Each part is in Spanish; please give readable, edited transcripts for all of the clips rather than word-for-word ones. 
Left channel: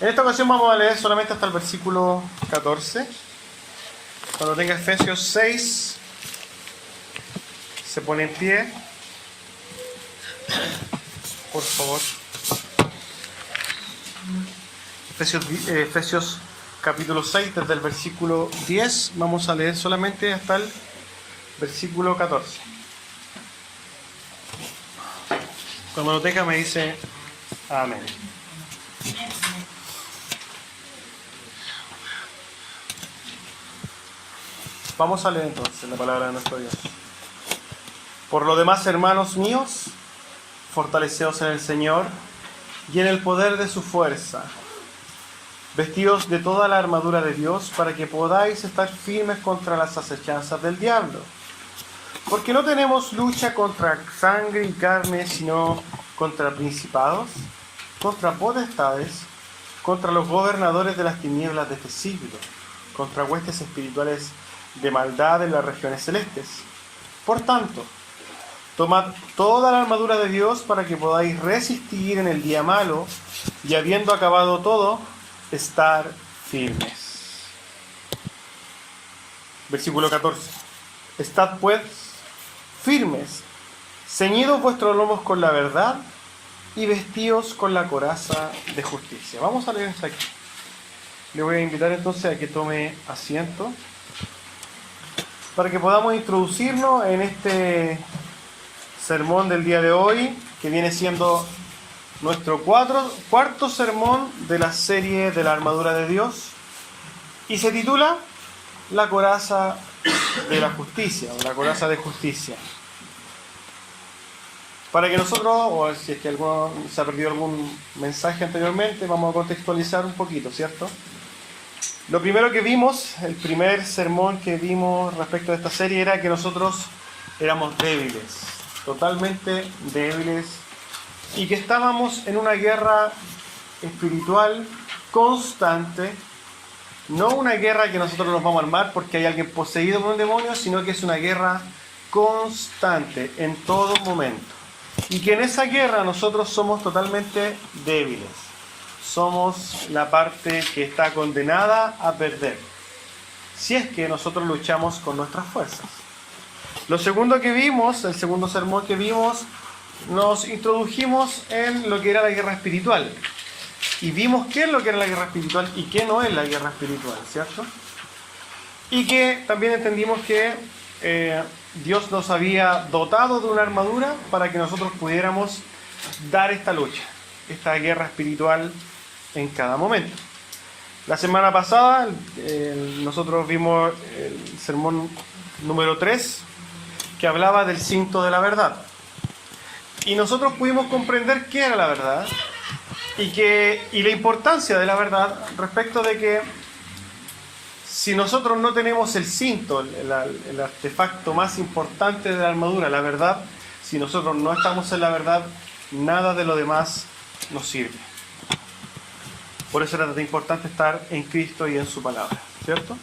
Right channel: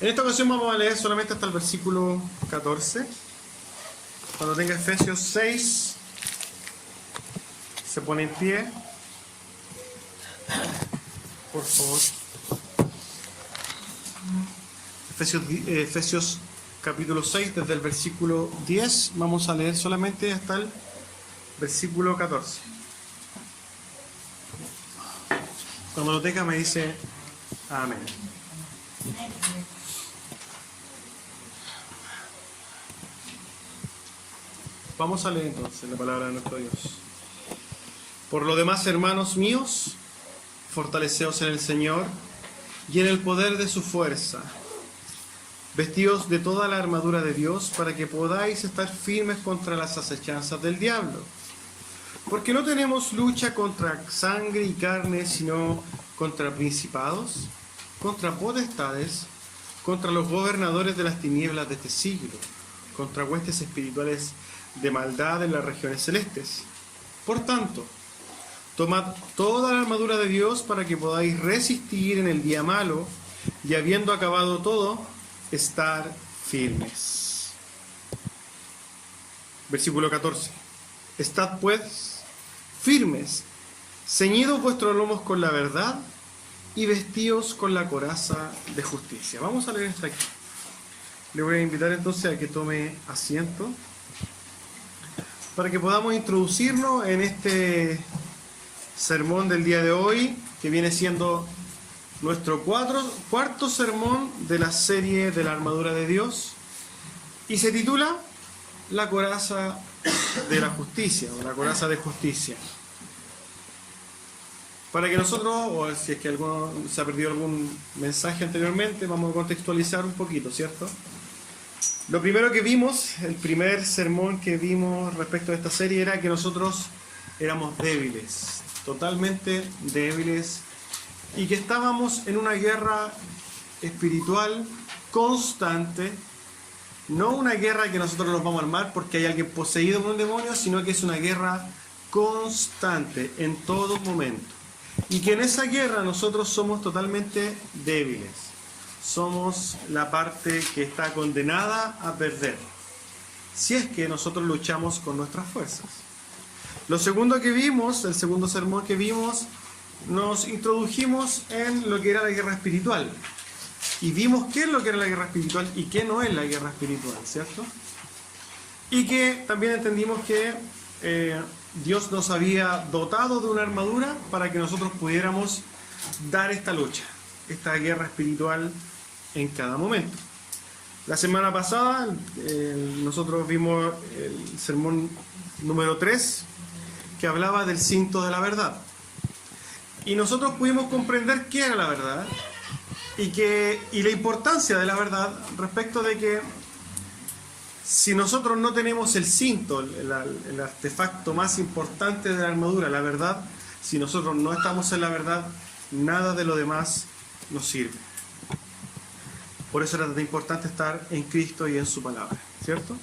En esta ocasión vamos a leer solamente hasta el versículo 14. Cuando tenga Efesios 6, se pone en pie. Por favor. Efesios capítulo 6, desde el versículo 10, vamos a leer solamente hasta el versículo 14. Cuando lo tenga me dice amén. Vamos a leer entonces la palabra de nuestro Dios. Por lo demás, hermanos míos, fortaleceos en el Señor y en el poder de su fuerza. Vestíos de toda la armadura de Dios para que podáis estar firmes contra las acechanzas del diablo. Porque no tenemos lucha contra sangre y carne, sino contra principados, contra potestades, contra los gobernadores de las tinieblas de este siglo, contra huestes espirituales de maldad en las regiones celestes. Por tanto, tomad toda la armadura de Dios para que podáis resistir en el día malo y, habiendo acabado todo, estar firmes. Versículo 14. Estad pues firmes, ceñidos vuestros lomos con la verdad y vestíos con la coraza de justicia. Vamos a leer hasta aquí. Le voy a invitar entonces a que tome asiento para que podamos introducirnos en este sermón del día de hoy, que viene siendo nuestro cuarto sermón de la serie de la armadura de Dios, y se titula La coraza de la justicia, o la coraza de justicia. Para que nosotros, o si es que alguno se ha perdido algún mensaje anteriormente, vamos a contextualizar un poquito, ¿cierto? Lo primero que vimos, el primer sermón que vimos respecto a esta serie, era que nosotros éramos débiles, totalmente débiles, y que estábamos en una guerra espiritual constante, no una guerra que nosotros nos vamos a armar porque hay alguien poseído por un demonio, sino que es una guerra constante en todo momento, y que en esa guerra nosotros somos totalmente débiles, somos la parte que está condenada a perder, si es que nosotros luchamos con nuestras fuerzas. Lo segundo que vimos, el segundo sermón que vimos, nos introdujimos en lo que era la guerra espiritual. Y vimos qué es lo que era la guerra espiritual y qué no es la guerra espiritual, ¿cierto? Y que también entendimos que Dios nos había dotado de una armadura para que nosotros pudiéramos dar esta lucha, esta guerra espiritual en cada momento. La semana pasada nosotros vimos el sermón número 3, que hablaba del cinto de la verdad. Y nosotros pudimos comprender qué era la verdad y la importancia de la verdad respecto de que si nosotros no tenemos el cinto, el artefacto más importante de la armadura, la verdad, si nosotros no estamos en la verdad, nada de lo demás nos sirve. Por eso era tan importante estar en Cristo y en su palabra, ¿cierto?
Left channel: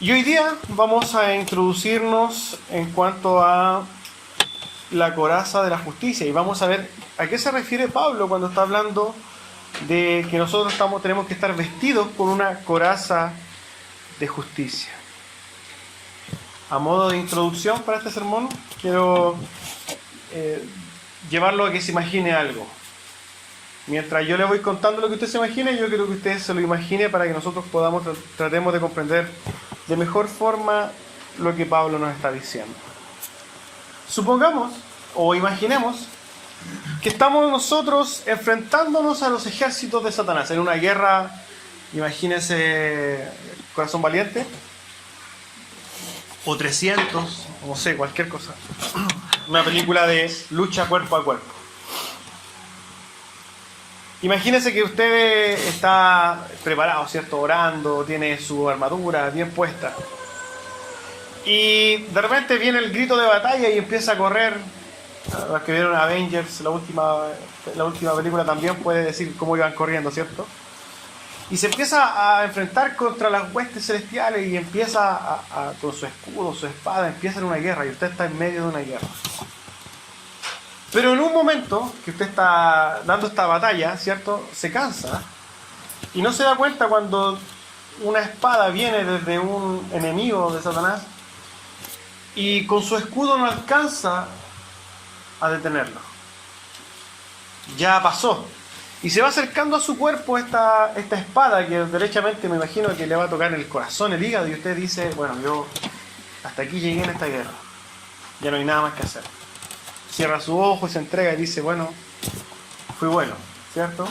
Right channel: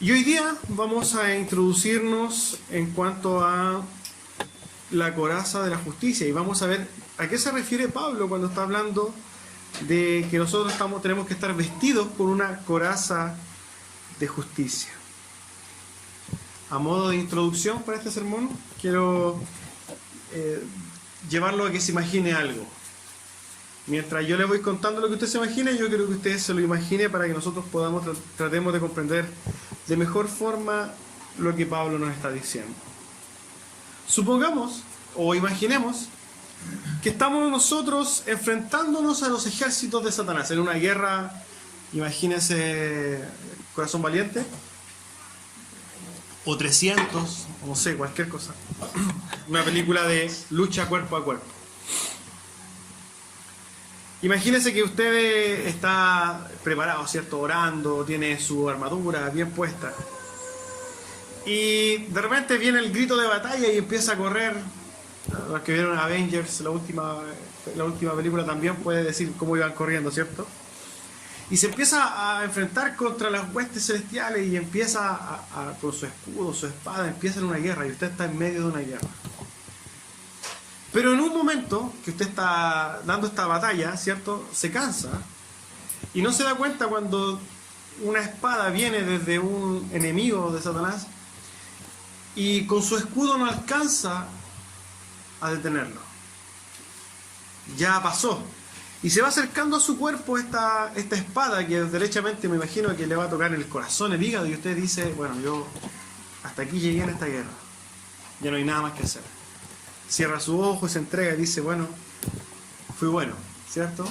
Y hoy día vamos a introducirnos en cuanto a la coraza de la justicia y vamos a ver a qué se refiere Pablo cuando está hablando de que nosotros tenemos que estar vestidos con una coraza de justicia. A modo de introducción para este sermón, quiero llevarlo a que se imagine algo. Mientras yo le voy contando lo que usted se imagine, yo quiero que usted se lo imagine para que nosotros tratemos de comprender de mejor forma lo que Pablo nos está diciendo. Supongamos o imaginemos que estamos nosotros enfrentándonos a los ejércitos de Satanás en una guerra, imagínese Corazón Valiente, o 300, o no sé, cualquier cosa. Una película de lucha cuerpo a cuerpo. Imagínese que usted está preparado, ¿cierto? Orando, tiene su armadura bien puesta. Y de repente viene el grito de batalla y empieza a correr. Los que vieron Avengers, la última película, también puede decir cómo iban corriendo, ¿cierto? Y se empieza a enfrentar contra las huestes celestiales y empieza con su escudo, su espada, empieza en una guerra y usted está en medio de una guerra. Pero en un momento que usted está dando esta batalla, ¿cierto? Se cansa Y no se da cuenta cuando una espada viene desde un enemigo de Satanás y con su escudo no alcanza a detenerlo. Ya pasó. Y se va acercando a su cuerpo esta espada que derechamente me imagino que le va a tocar en el corazón, el hígado, y usted dice, bueno, yo hasta aquí llegué en esta guerra. Ya no hay nada más que hacer. Cierra su ojo y se entrega y dice, bueno, fui bueno, ¿cierto?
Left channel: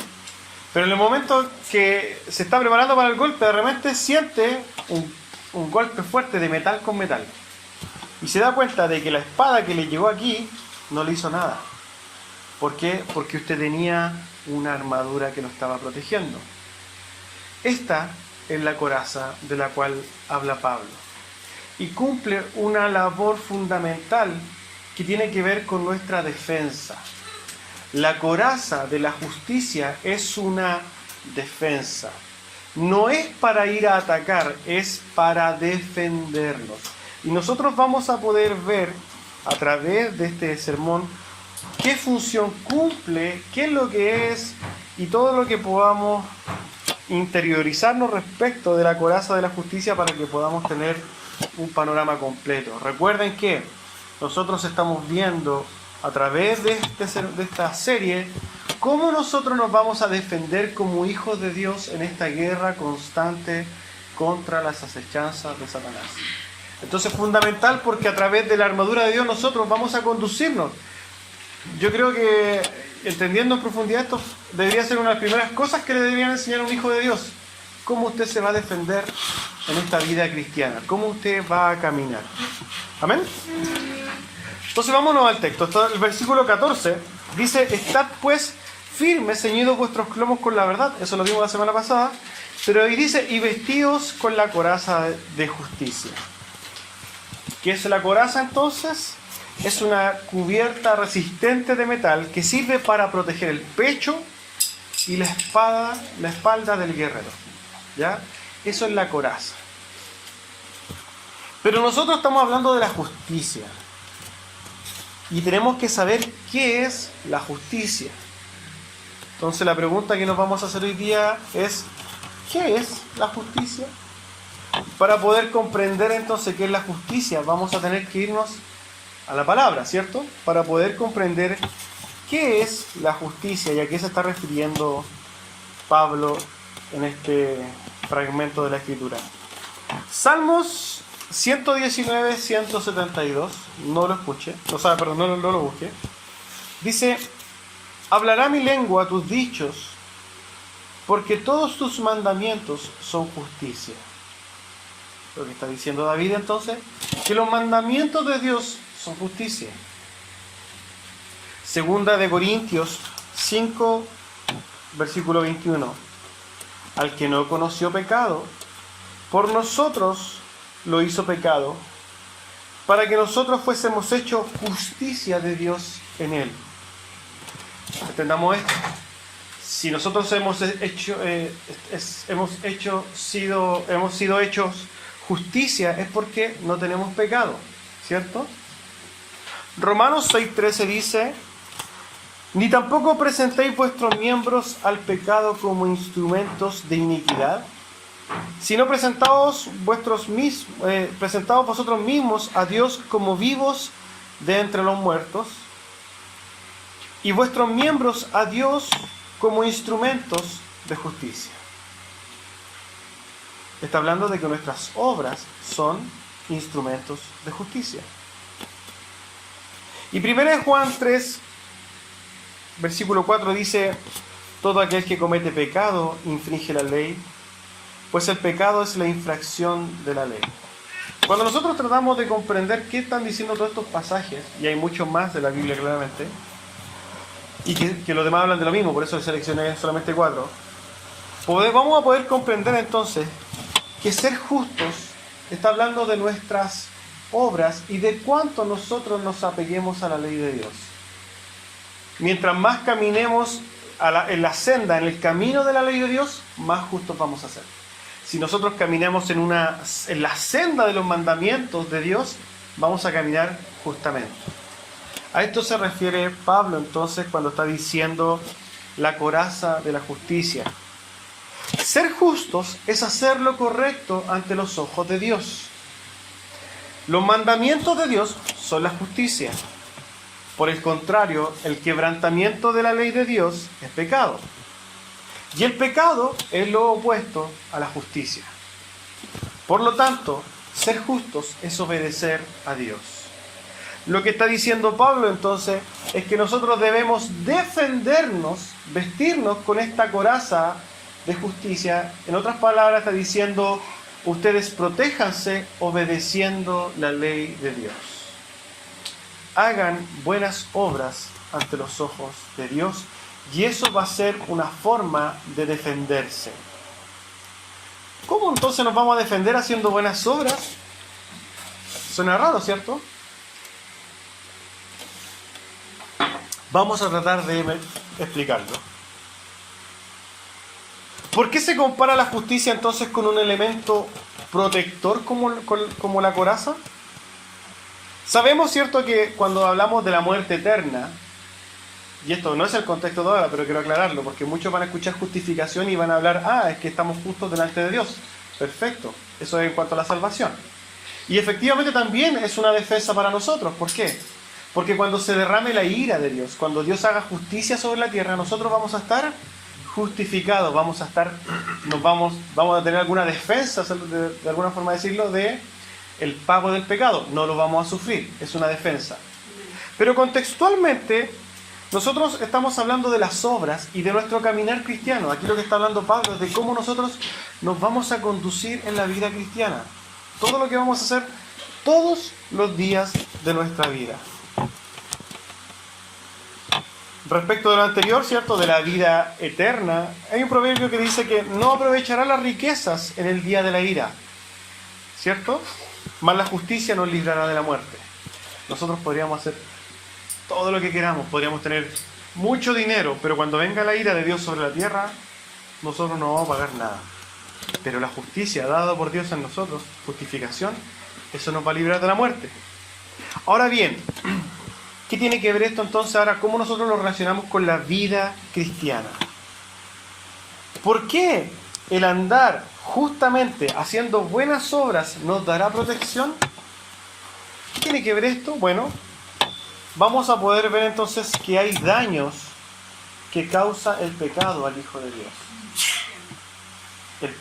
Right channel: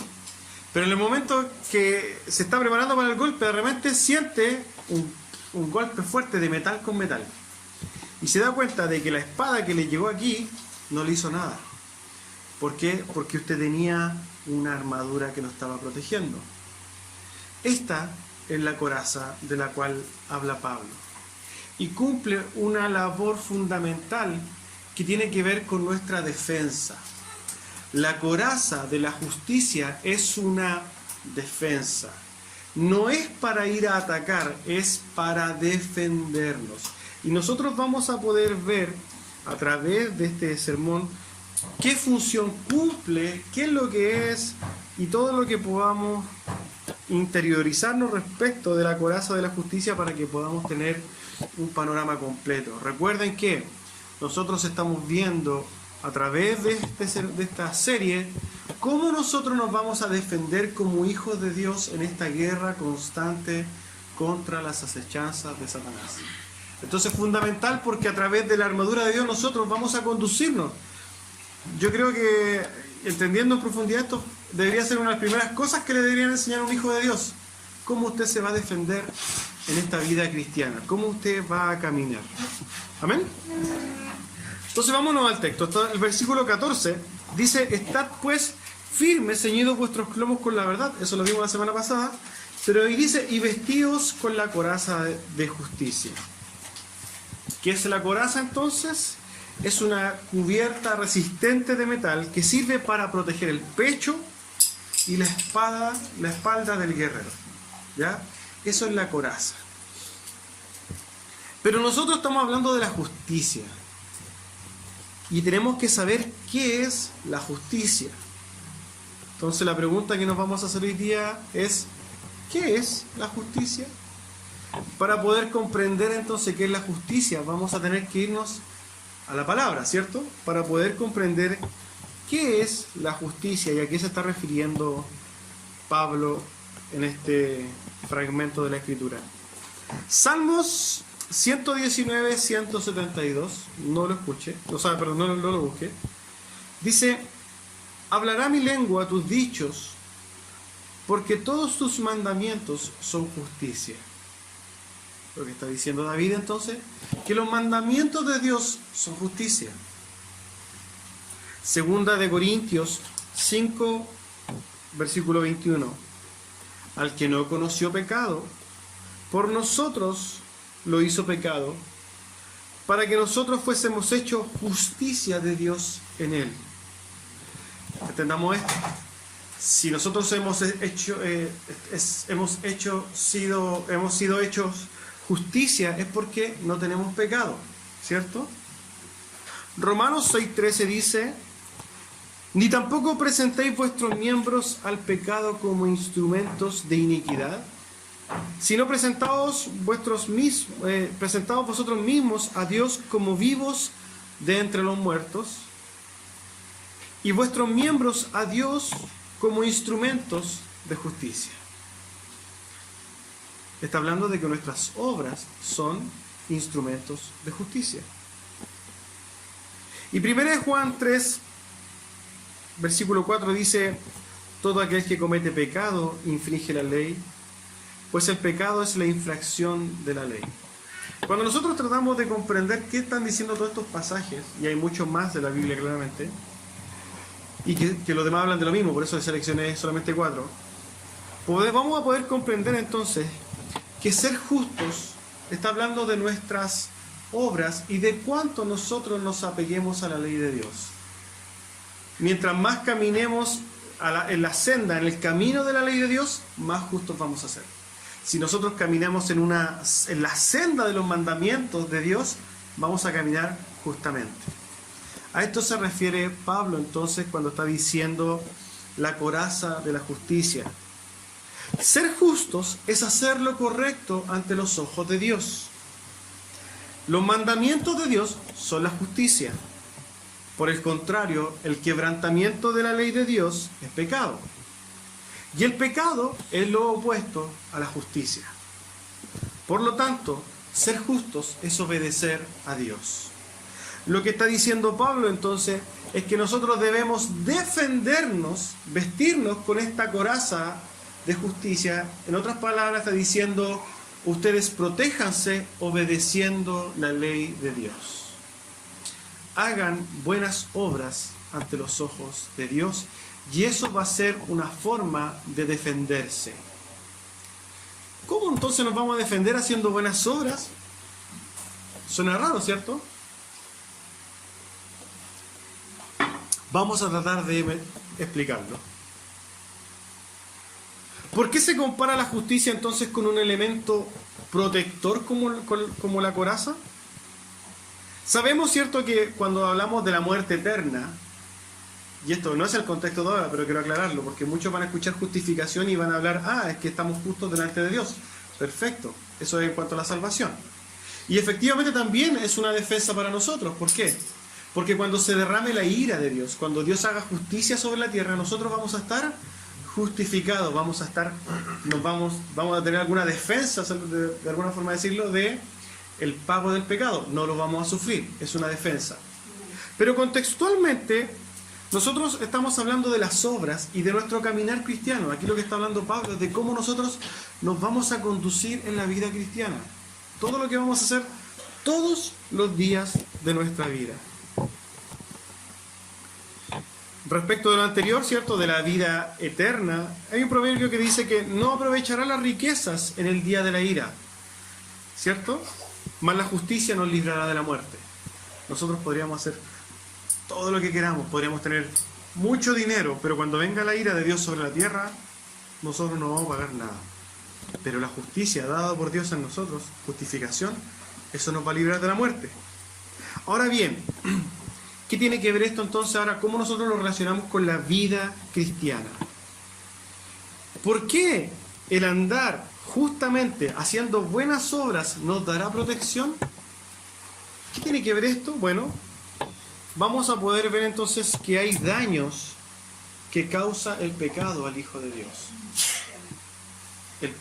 Pero en el momento que se está preparando para el golpe, de repente siente un golpe fuerte de metal con metal. Y se da cuenta de que la espada que le llegó aquí no le hizo nada. ¿Por qué? Porque usted tenía una armadura que lo estaba protegiendo. Esta es la coraza de la cual habla Pablo. Y cumple una labor fundamental que tiene que ver con nuestra defensa. La coraza de la justicia es una defensa. No es para ir a atacar, es para defendernos. Y nosotros vamos a poder ver a través de este sermón qué función cumple, qué es lo que es y todo lo que podamos interiorizarnos respecto de la coraza de la justicia para que podamos tener un panorama completo. Recuerden que nosotros estamos viendo a través de esta serie cómo nosotros nos vamos a defender como hijos de Dios en esta guerra constante contra las acechanzas de Satanás. Entonces es fundamental porque a través de la armadura de Dios nosotros vamos a conducirnos. Yo creo que entendiendo en profundidad esto debería ser una de las primeras cosas que le deberían enseñar a un hijo de Dios. Cómo usted se va a defender en esta vida cristiana, cómo usted va a caminar. ¿Amén? Entonces vámonos al texto. El versículo 14 dice, estad pues firmes, ceñidos vuestros lomos con la verdad. Eso lo vimos la semana pasada. Pero ahí dice, y vestidos con la coraza de justicia. ¿Qué es la coraza entonces? Es una cubierta resistente de metal que sirve para proteger el pecho y la espalda del guerrero. ¿Ya? Eso es la coraza. Pero nosotros estamos hablando de la justicia. Y tenemos que saber qué es la justicia. Entonces la pregunta que nos vamos a hacer hoy día es, ¿qué es la justicia? Para poder comprender entonces qué es la justicia, vamos a tener que irnos a la palabra, ¿cierto? Para poder comprender qué es la justicia y a qué se está refiriendo Pablo en este fragmento de la Escritura. Salmos 119, 172, no lo escuche, no lo busque. Dice, hablará mi lengua tus dichos, porque todos tus mandamientos son justicia. Lo que está diciendo David entonces, que los mandamientos de Dios son justicia. Segunda de Corintios 5, versículo 21. Al que no conoció pecado, por nosotros lo hizo pecado, para que nosotros fuésemos hechos justicia de Dios en él. Entendamos esto. Si nosotros hemos sido hechos justicia, es porque no tenemos pecado, ¿cierto? Romanos 6:13 dice, ni tampoco presentéis vuestros miembros al pecado como instrumentos de iniquidad, sino presentaos vosotros mismos a Dios como vivos de entre los muertos, y vuestros miembros a Dios como instrumentos de justicia. Está hablando de que nuestras obras son instrumentos de justicia. Y 1 Juan 3, versículo 4 dice, todo aquel que comete pecado infringe la ley, pues el pecado es la infracción de la ley. Cuando nosotros tratamos de comprender qué están diciendo todos estos pasajes, y hay muchos más de la Biblia claramente, y que los demás hablan de lo mismo, por eso seleccioné solamente 4, vamos a poder comprender entonces que ser justos está hablando de nuestras obras y de cuánto nosotros nos apeguemos a la ley de Dios. Mientras más caminemos en la senda, en el camino de la ley de Dios, más justos vamos a ser. Si nosotros caminamos en la senda de los mandamientos de Dios, vamos a caminar justamente. A esto se refiere Pablo entonces cuando está diciendo la coraza de la justicia. Ser justos es hacer lo correcto ante los ojos de Dios. Los mandamientos de Dios son la justicia. Por el contrario, el quebrantamiento de la ley de Dios es pecado. Y el pecado es lo opuesto a la justicia. Por lo tanto, ser justos es obedecer a Dios. Lo que está diciendo Pablo entonces es que nosotros debemos defendernos, vestirnos con esta coraza de justicia. En otras palabras está diciendo, ustedes protéjanse obedeciendo la ley de Dios. Hagan buenas obras ante los ojos de Dios y eso va a ser una forma de defenderse. ¿Cómo entonces nos vamos a defender haciendo buenas obras? Suena raro, ¿cierto? Vamos a tratar de explicarlo. ¿Por qué se compara la justicia entonces con un elemento protector como la coraza? Sabemos, ¿cierto?, que cuando hablamos de la muerte eterna, y esto no es el contexto de ahora, pero quiero aclararlo, porque muchos van a escuchar justificación y van a hablar, es que estamos justos delante de Dios. Perfecto, eso es en cuanto a la salvación. Y efectivamente también es una defensa para nosotros. ¿Por qué? Porque cuando se derrame la ira de Dios, cuando Dios haga justicia sobre la tierra, nosotros vamos a estar justificados, vamos a tener alguna defensa, de alguna forma decirlo, de el pago del pecado. No lo vamos a sufrir, es una defensa. Pero contextualmente, nosotros estamos hablando de las obras y de nuestro caminar cristiano. Aquí lo que está hablando Pablo es de cómo nosotros nos vamos a conducir en la vida cristiana. Todo lo que vamos a hacer todos los días de nuestra vida. Respecto de lo anterior, ¿cierto?, de la vida eterna, hay un proverbio que dice que no aprovechará las riquezas en el día de la ira, ¿cierto? Mas la justicia nos librará de la muerte. Nosotros podríamos hacer todo lo que queramos, podríamos tener mucho dinero, pero cuando venga la ira de Dios sobre la tierra, nosotros no vamos a pagar nada. Pero la justicia dada por Dios en nosotros, justificación, eso nos va a librar de la muerte. Ahora bien, ¿qué tiene que ver esto entonces ahora? ¿Cómo nosotros lo relacionamos con la vida cristiana? ¿Por qué el andar justamente haciendo buenas obras nos dará protección? ¿Qué tiene que ver esto? Bueno, vamos a poder ver entonces que hay daños que causa el pecado al Hijo de Dios.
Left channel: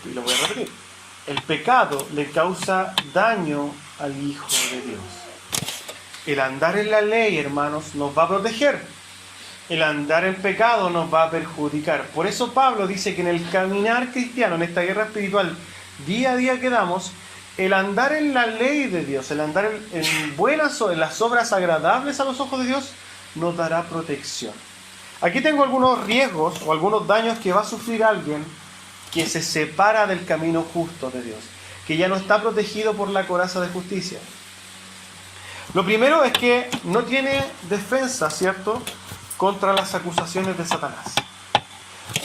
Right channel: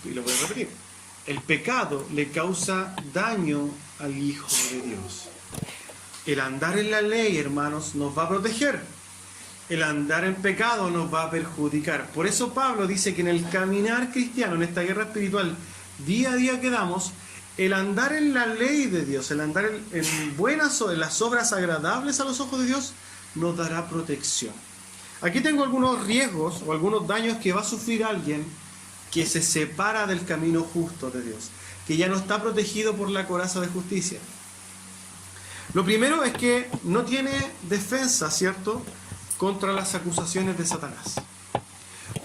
Y lo voy a repetir. El pecado le causa daño al Hijo de Dios. El andar en la ley, hermanos, nos va a proteger. El andar en pecado nos va a perjudicar. Por eso Pablo dice que en el caminar cristiano, en esta guerra espiritual, día a día que damos, el andar en la ley de Dios, el andar en las obras agradables a los ojos de Dios, nos dará protección. Aquí tengo algunos riesgos o algunos daños que va a sufrir alguien que se separa del camino justo de Dios, que ya no está protegido por la coraza de justicia. Lo primero es que no tiene defensa, ¿cierto?, contra las acusaciones de Satanás.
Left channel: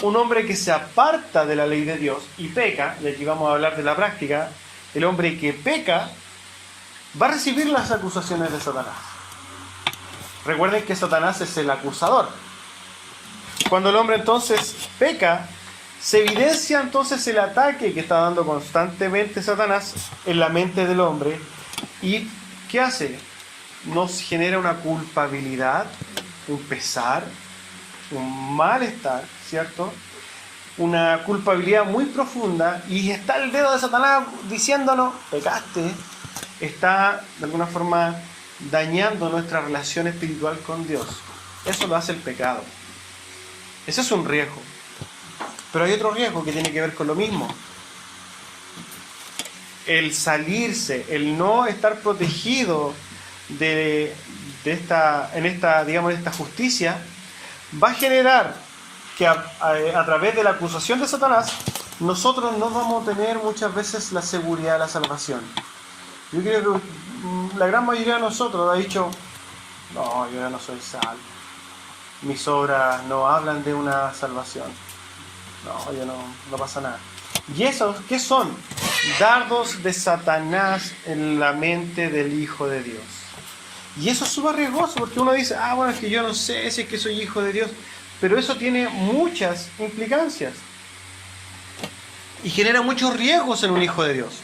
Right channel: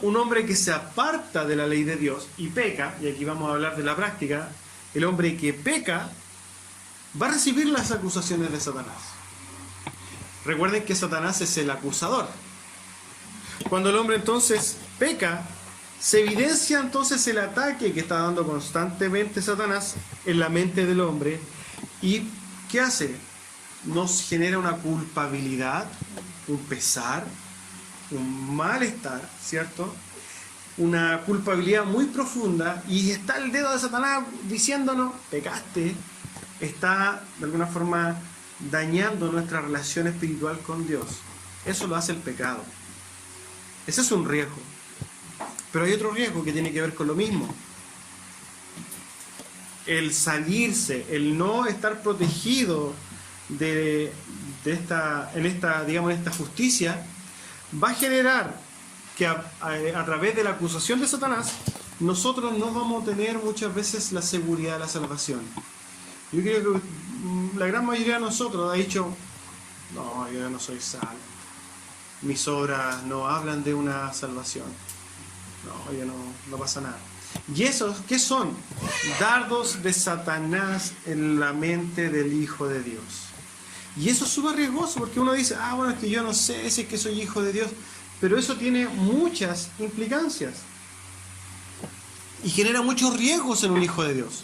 Un hombre que se aparta de la ley de Dios y peca, y aquí vamos a hablar de la práctica, el hombre que peca va a recibir las acusaciones de Satanás. Recuerden que Satanás es el acusador. Cuando el hombre entonces peca, se evidencia entonces el ataque que está dando constantemente Satanás en la mente del hombre. ¿Y qué hace? Nos genera una culpabilidad, un pesar, un malestar, ¿cierto? Una culpabilidad muy profunda, y está el dedo de Satanás diciéndonos, pecaste. Está de alguna forma dañando nuestra relación espiritual con Dios. Eso lo hace el pecado. Ese es un riesgo. Pero hay otro riesgo que tiene que ver con lo mismo. El salirse, el no estar protegido en esta justicia, va a generar que a través de la acusación de Satanás, nosotros no vamos a tener muchas veces la seguridad de la salvación. Yo creo que la gran mayoría de nosotros ha dicho, no, yo ya no soy salvo. Mis obras no hablan de una salvación. No, ya no pasa nada. ¿Y esos qué son? Dardos de Satanás en la mente del Hijo de Dios. Y eso es súper riesgoso, porque uno dice, bueno, es que yo no sé si es que soy hijo de Dios, pero eso tiene muchas implicancias. y genera muchos riesgos en un hijo de Dios.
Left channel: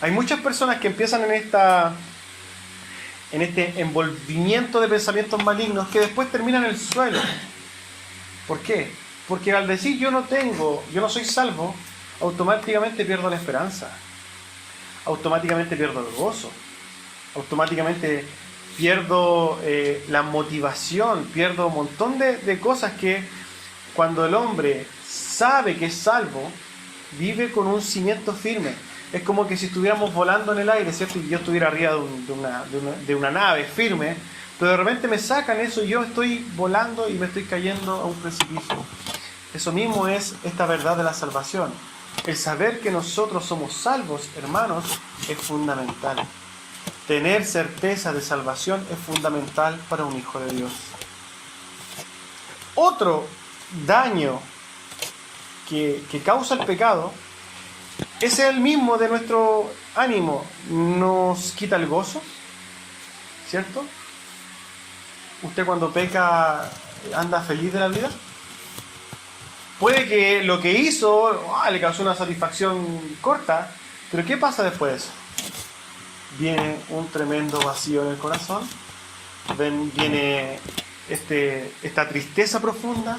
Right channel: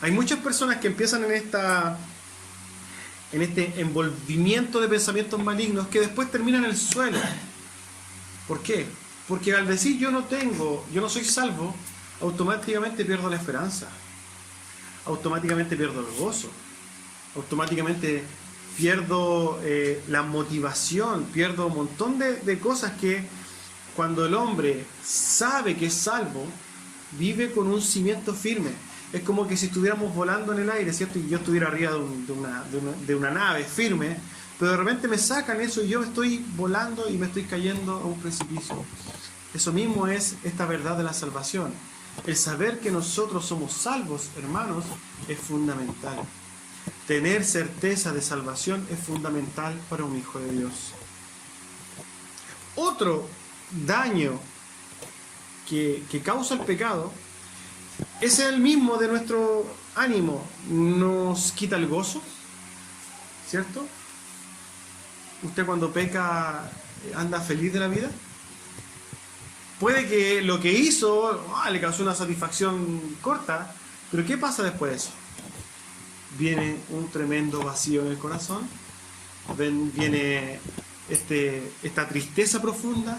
Hay muchas personas que empiezan en este envolvimiento de pensamientos malignos que después terminan en el suelo. ¿Por qué? Porque al decir yo no soy salvo, automáticamente pierdo la esperanza, automáticamente pierdo el gozo, automáticamente pierdo la motivación, pierdo un montón de cosas que cuando el hombre sabe que es salvo, vive con un cimiento firme. Es como que si estuviéramos volando en el aire, ¿cierto? Y yo estuviera arriba de una nave firme, pero de repente me sacan eso y yo estoy volando y me estoy cayendo a un precipicio. Eso mismo es esta verdad de la salvación. El saber que nosotros somos salvos, hermanos, es fundamental. Tener certeza de salvación es fundamental para un hijo de Dios. Otro daño que causa el pecado es el mismo de nuestro ánimo. Nos quita el gozo, ¿cierto? ¿Usted cuando peca anda feliz de la vida? Puede que lo que hizo le causó una satisfacción corta, pero ¿qué pasa después de eso? Viene un tremendo vacío en el corazón, viene esta tristeza profunda,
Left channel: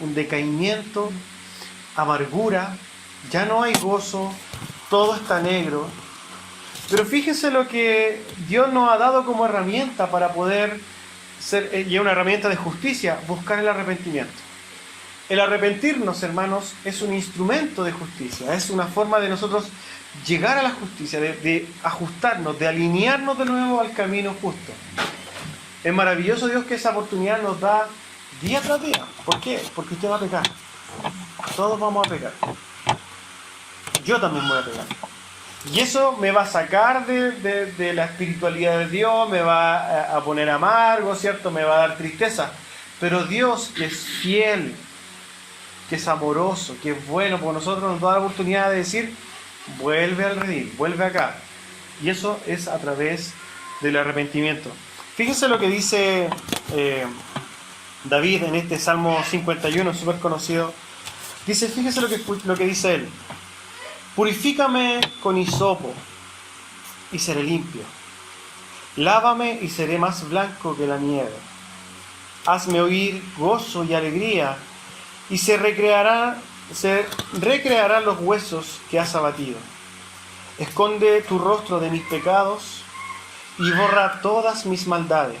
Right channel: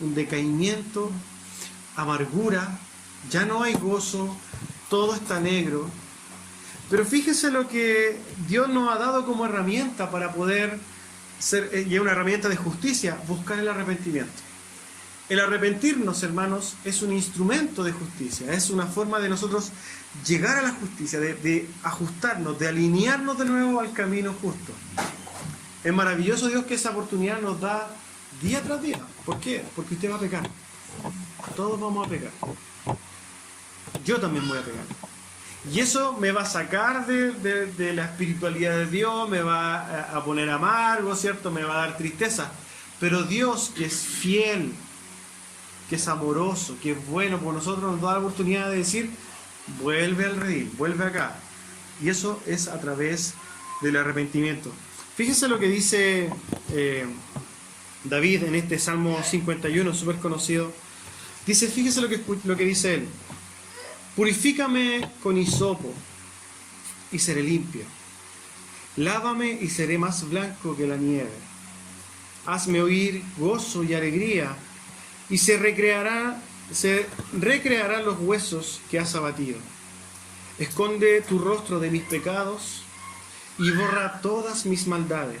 un decaimiento, amargura, ya no hay gozo, todo está negro. Pero fíjense lo que Dios nos ha dado como herramienta para poder ser, y una herramienta de justicia, buscar el arrepentimiento. El arrepentirnos, hermanos, es un instrumento de justicia, es una forma de nosotros llegar a la justicia, de ajustarnos, de alinearnos de nuevo al camino justo. Es maravilloso Dios que esa oportunidad nos da día tras día. ¿Por qué? Porque usted va a pecar. Todos vamos a pecar. Yo también voy a pecar. Y eso me va a sacar de la espiritualidad de Dios, me va a poner amargo, ¿cierto? Me va a dar tristeza. Pero Dios, que es fiel, que es amoroso, que es bueno por nosotros, nos da la oportunidad de decir, vuelve al redil, vuelve acá. Y eso es a través del arrepentimiento. Fíjense lo que dice David en este Salmo 51, súper conocido. Dice, fíjense lo que dice él. Purifícame con hisopo y seré limpio. Lávame y seré más blanco que la nieve. Hazme oír gozo y alegría, y se recrearán los huesos que has abatido. Esconde tu rostro de mis pecados y borra todas mis maldades.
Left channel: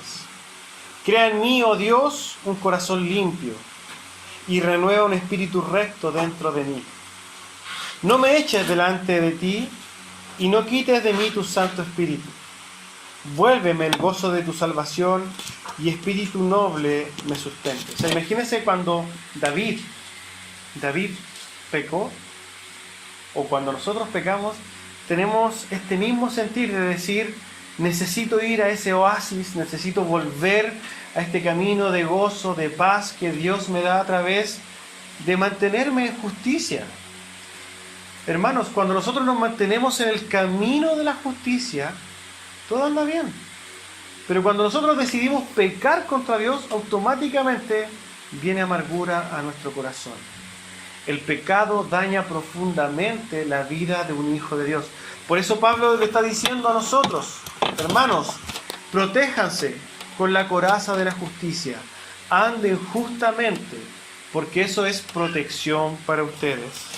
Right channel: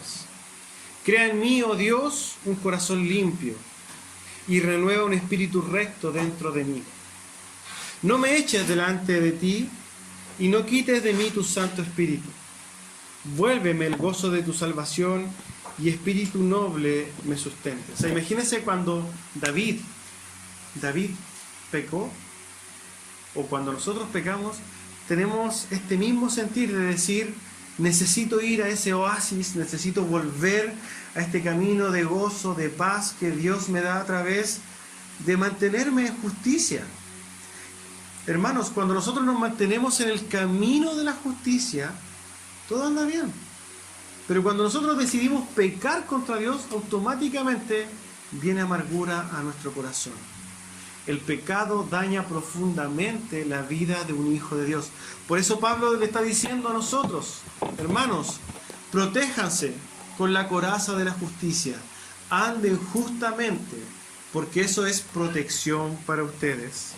Crea en mí, oh Dios, un corazón limpio y renueva un espíritu recto dentro de mí. No me eches delante de ti y no quites de mí tu Santo Espíritu. Vuélveme el gozo de tu salvación y espíritu noble me sustente. O sea, imagínense cuando David pecó, o cuando nosotros pecamos, tenemos este mismo sentir de decir, necesito ir a ese oasis, necesito volver a este camino de gozo, de paz que Dios me da a través de mantenerme en justicia. Hermanos, cuando nosotros nos mantenemos en el camino de la justicia, todo anda bien. Pero cuando nosotros decidimos pecar contra Dios, automáticamente viene amargura a nuestro corazón. El pecado daña profundamente la vida de un hijo de Dios. Por eso Pablo le está diciendo a nosotros, hermanos, protéjanse con la coraza de la justicia, anden justamente, porque eso es protección para ustedes.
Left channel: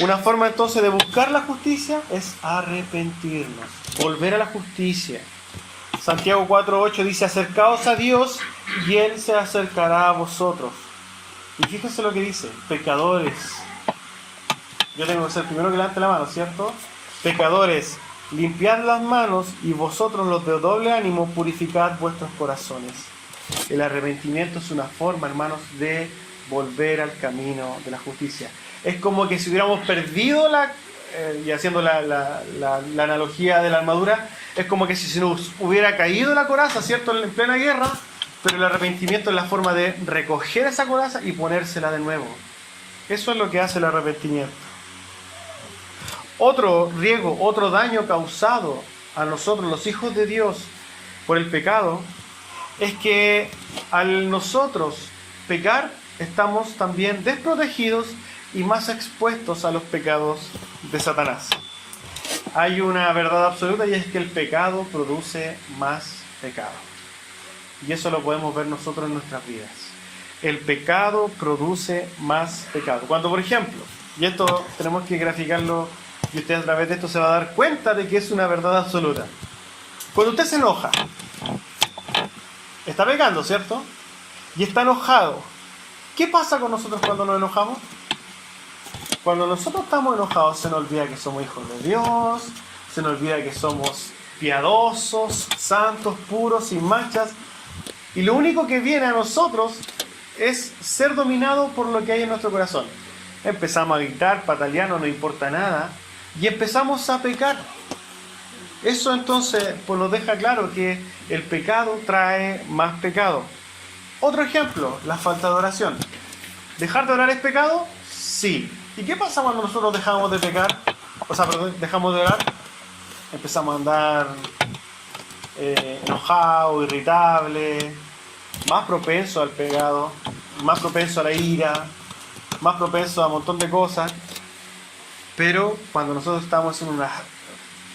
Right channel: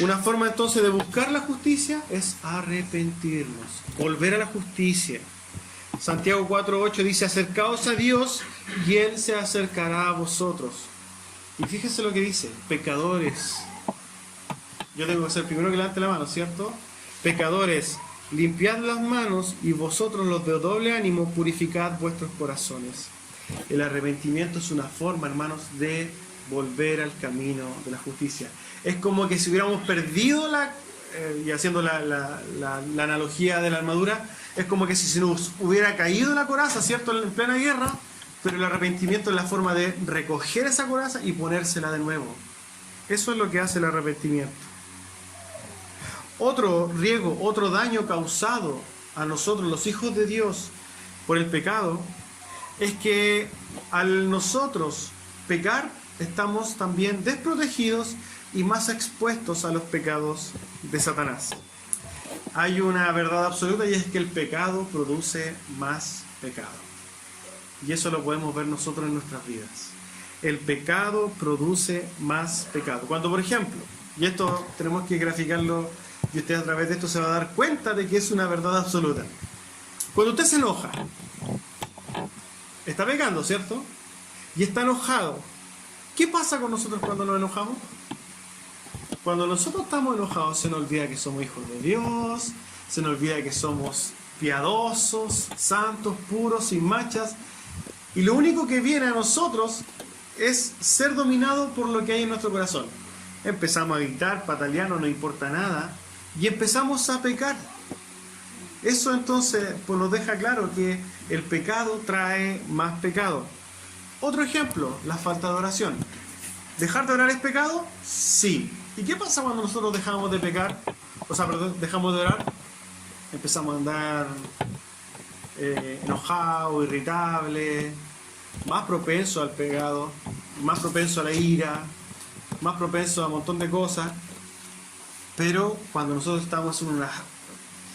Una forma entonces de buscar la justicia es arrepentirnos, volver a la justicia. Santiago 4:8 dice, acercaos a Dios y Él se acercará a vosotros. Y fíjense lo que dice, pecadores. Yo tengo que ser primero que levante la mano, ¿cierto? Pecadores, limpiad las manos y vosotros los de doble ánimo purificad vuestros corazones. El arrepentimiento es una forma, hermanos, de volver al camino de la justicia. Es como que si hubiéramos perdido y haciendo la analogía de la armadura, es como que si se nos hubiera caído la coraza, ¿cierto?, en plena guerra, pero el arrepentimiento es la forma de recoger esa coraza y ponérsela de nuevo. Eso es lo que hace el arrepentimiento. Otro riesgo, otro daño causado a nosotros, los hijos de Dios, por el pecado, es que al nosotros pecar, estamos también desprotegidos y más expuestos a los pecados de Satanás. Hay una verdad absoluta y es que el pecado produce más pecado. Y eso lo podemos ver nosotros en nuestras vidas. El pecado produce más pecado. Cuando, por ejemplo, y esto tenemos que graficarlo, y usted a través de esto se va a dar cuenta de que es una verdad absoluta. Cuando usted se enoja, está pecando, ¿cierto? Y está enojado. ¿Qué pasa con nosotros cuando nos enojamos? Cuando nosotros estamos enojados se nos olvida que somos hijos de Dios, se nos olvida que somos piadosos, santos, puros, sin manchas, y lo único que viene a nosotros es ser dominado por lo que hay en nuestro corazón. Empezamos a gritar, patalear, no nos importa nada, y empezamos a pecar. Eso entonces pues nos deja claro que el pecado trae más pecado. Otro ejemplo, la falta de oración. ¿Dejar de orar es pecado? Sí. ¿Y qué pasa cuando nosotros dejamos de pecar? Dejamos de orar. Empezamos a andar enojados, irritables, más propenso al pecado, más propenso a la ira, más propenso a un montón de cosas. Pero cuando nosotros estamos en una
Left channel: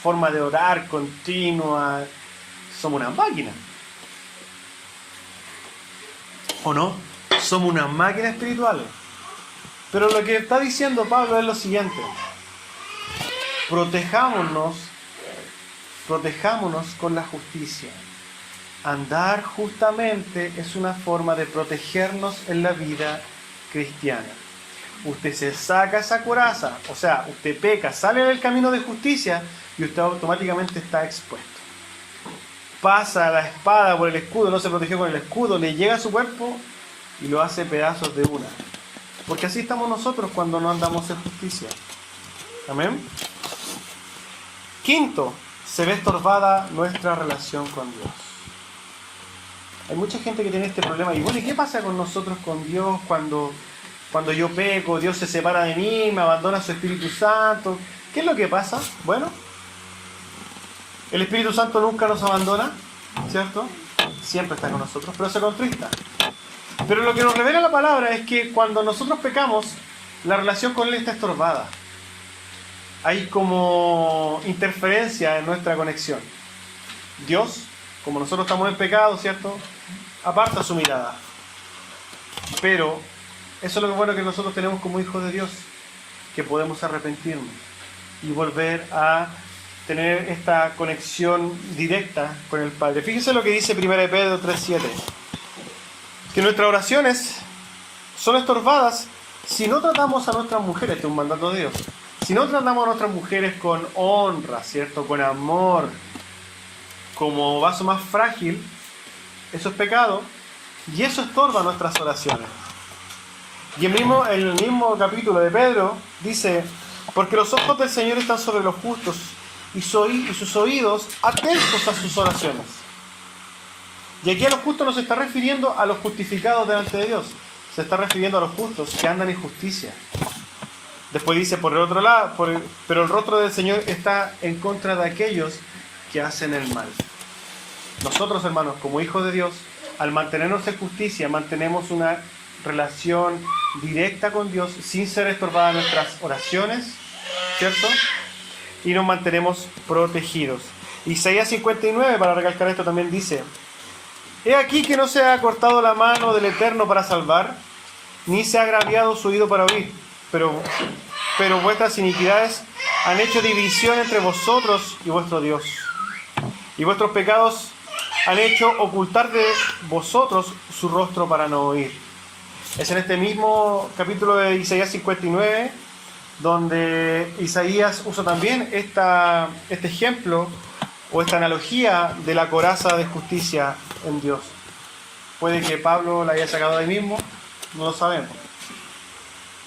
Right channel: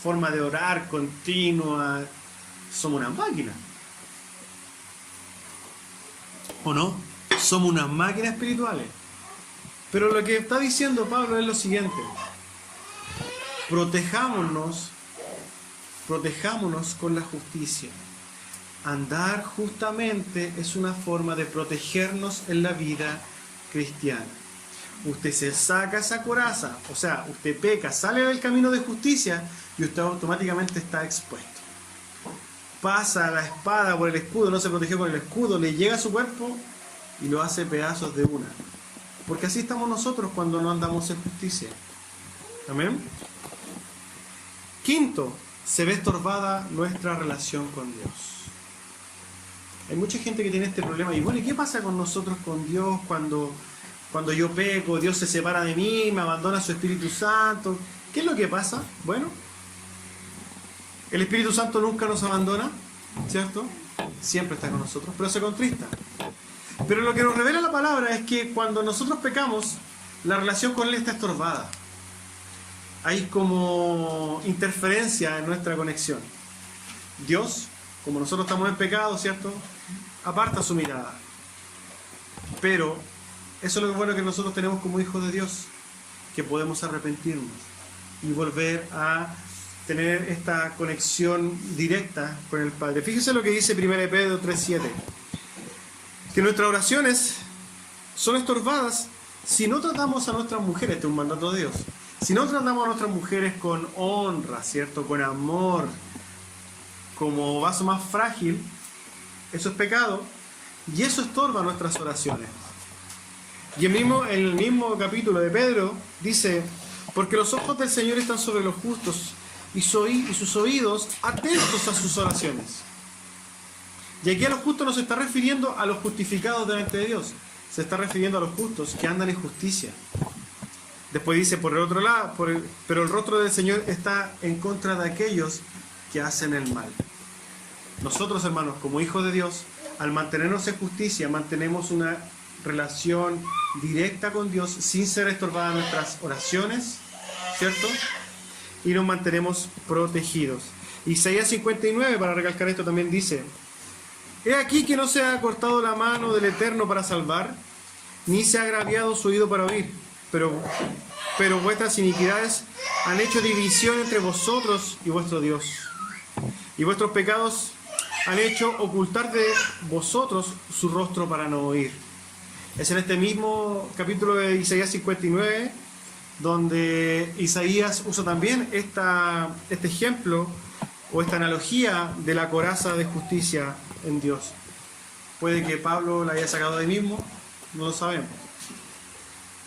forma de orar continua, somos una máquina. ¿O no? Somos unas máquinas espirituales. Pero lo que está diciendo Pablo es lo siguiente: protejámonos con la justicia. Andar justamente es una forma de protegernos en la vida cristiana. Usted se saca esa coraza, o sea, usted peca, sale del camino de justicia y usted automáticamente está expuesto. Pasa la espada por el escudo, no se protegió con el escudo, le llega a su cuerpo y lo hace pedazos de una. Porque así estamos nosotros cuando no andamos en justicia. Amén. Quinto, se ve estorbada nuestra relación con Dios. Hay mucha gente que tiene este problema. Y bueno, ¿y qué pasa con nosotros, con Dios, cuando yo peco, Dios se separa de mí, me abandona su Espíritu Santo? ¿Qué es lo que pasa? Bueno, el Espíritu Santo nunca nos abandona, ¿cierto? Siempre está con nosotros, pero se contrista. Pero lo que nos revela la palabra es que cuando nosotros pecamos, la relación con Él está estorbada. Hay como interferencia en nuestra conexión. Dios, como nosotros estamos en pecado, ¿cierto?, aparta su mirada. Pero eso es lo bueno que nosotros tenemos como hijos de Dios, que podemos arrepentirnos y volver a tener esta conexión directa con el Padre. Fíjese lo que dice 1 Pedro 3:7. Que nuestras oraciones son estorbadas si no tratamos a nuestras mujeres, este es un mandato de Dios, si no tratamos a nuestras mujeres con honra, ¿cierto?, con amor, como vaso más frágil. Eso es pecado y eso estorba nuestras oraciones. Y el mismo capítulo de Pedro dice: porque los ojos del Señor están sobre los justos y sus oídos atentos a sus oraciones. Y aquí a los justos no se está refiriendo a los justificados delante de Dios, se está refiriendo a los justos que andan en justicia. Después dice, por el otro lado, pero el rostro del Señor está en contra de aquellos que hacen el mal. Nosotros, hermanos, como hijos de Dios, al mantenernos en justicia, mantenemos una relación directa con Dios sin ser estorbadas nuestras oraciones, ¿cierto? Y nos mantenemos protegidos. Isaías 59, para recalcar esto, también dice: he aquí que no se ha cortado la mano del Eterno para salvar, ni se ha agraviado su oído para oír, pero vuestras iniquidades han hecho división entre vosotros y vuestro Dios, y vuestros pecados han hecho ocultar de vosotros su rostro para no oír. Es en este mismo capítulo de Isaías 59 donde Isaías usa también este ejemplo o esta analogía de la coraza de justicia en Dios. Puede que Pablo la haya sacado de ahí mismo, no lo sabemos.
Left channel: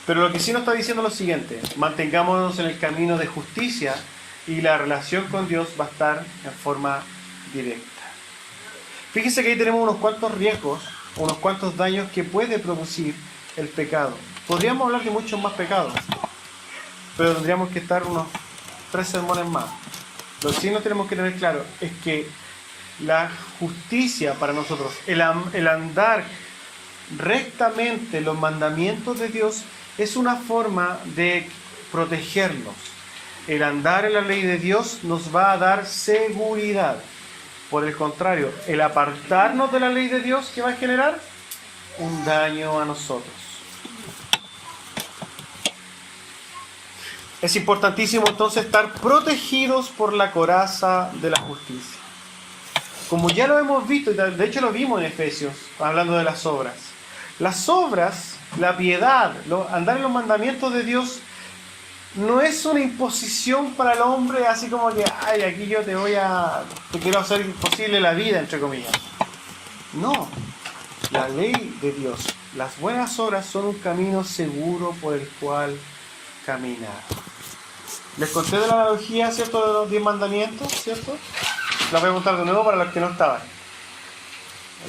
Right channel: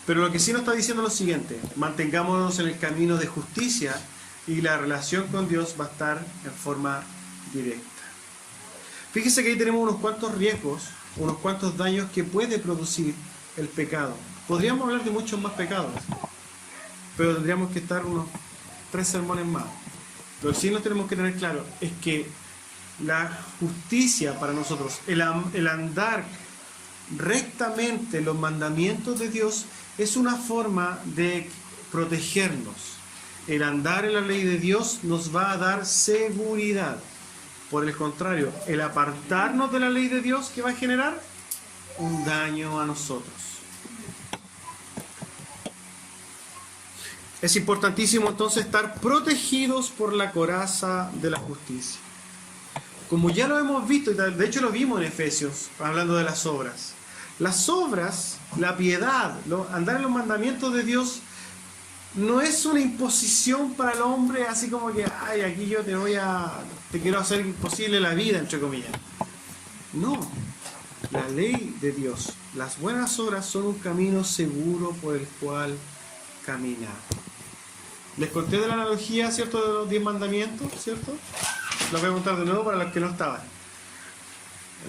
Pero lo que sí nos está diciendo es lo siguiente: mantengámonos en el camino de justicia y la relación con Dios va a estar en forma directa. Fíjense que ahí tenemos unos cuantos riesgos, unos cuantos daños que puede producir el pecado. Podríamos hablar de muchos más pecados, pero tendríamos que estar unos 3 sermones más. Lo que sí nos tenemos que tener claro es que la justicia para nosotros, el andar rectamente los mandamientos de Dios es una forma de protegernos. El andar en la ley de Dios nos va a dar seguridad. Por el contrario, el apartarnos de la ley de Dios, ¿qué va a generar? Un daño a nosotros. Es importantísimo entonces estar protegidos por la coraza de la justicia. Como ya lo hemos visto, y de hecho lo vimos en Efesios, hablando de las obras. Las obras, la piedad, andar en los mandamientos de Dios, no es una imposición para el hombre, así como que, ay, aquí yo te quiero hacer imposible la vida, entre comillas. No, la ley de Dios, las buenas obras son un camino seguro por el cual caminar. Les conté de la analogía, ¿cierto?, de los 10 mandamientos, ¿cierto? La voy a contar de nuevo para los que no estaban.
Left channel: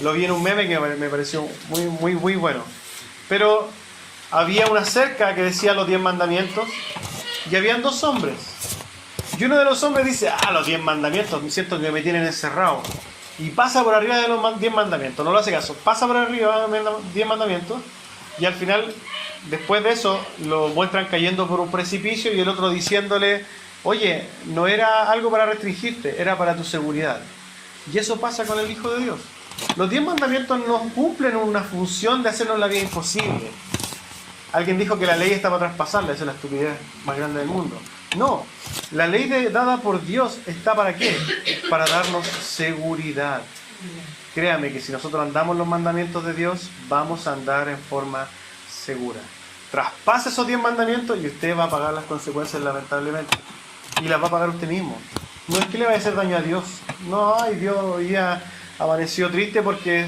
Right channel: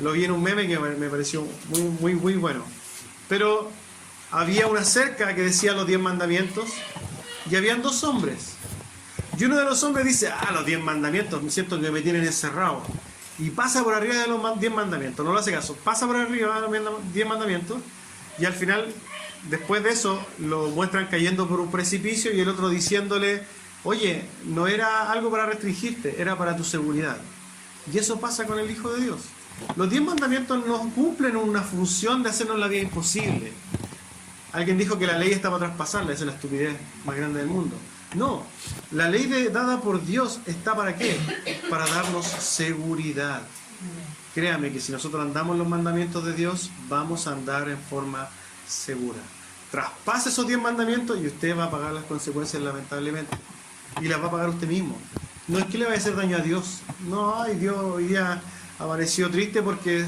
Lo vi en un meme que me pareció muy bueno. Pero había una cerca que decía los 10 mandamientos y habían 2 hombres. Y uno de los hombres dice, los 10 mandamientos, me siento que me tienen encerrado. Y pasa por arriba de los 10 mandamientos, no lo hace caso. Pasa por arriba de los 10 mandamientos y al final, después de eso, lo muestran cayendo por un precipicio y el otro diciéndole, oye, no era algo para restringirte, era para tu seguridad. Y eso pasa con el Hijo de Dios. Los 10 mandamientos no cumplen una función de hacernos la vida imposible. Alguien dijo que la ley está para traspasarla, esa es la estupidez más grande del mundo. No, la ley dada por Dios está ¿para qué? Para darnos seguridad. Créame que si nosotros andamos los mandamientos de Dios, vamos a andar en forma segura. Traspase esos 10 mandamientos y usted va a pagar las consecuencias lamentablemente. Y las va a pagar usted mismo. No es que le vaya a hacer daño a Dios. No, ay, Dios hoy día amaneció triste porque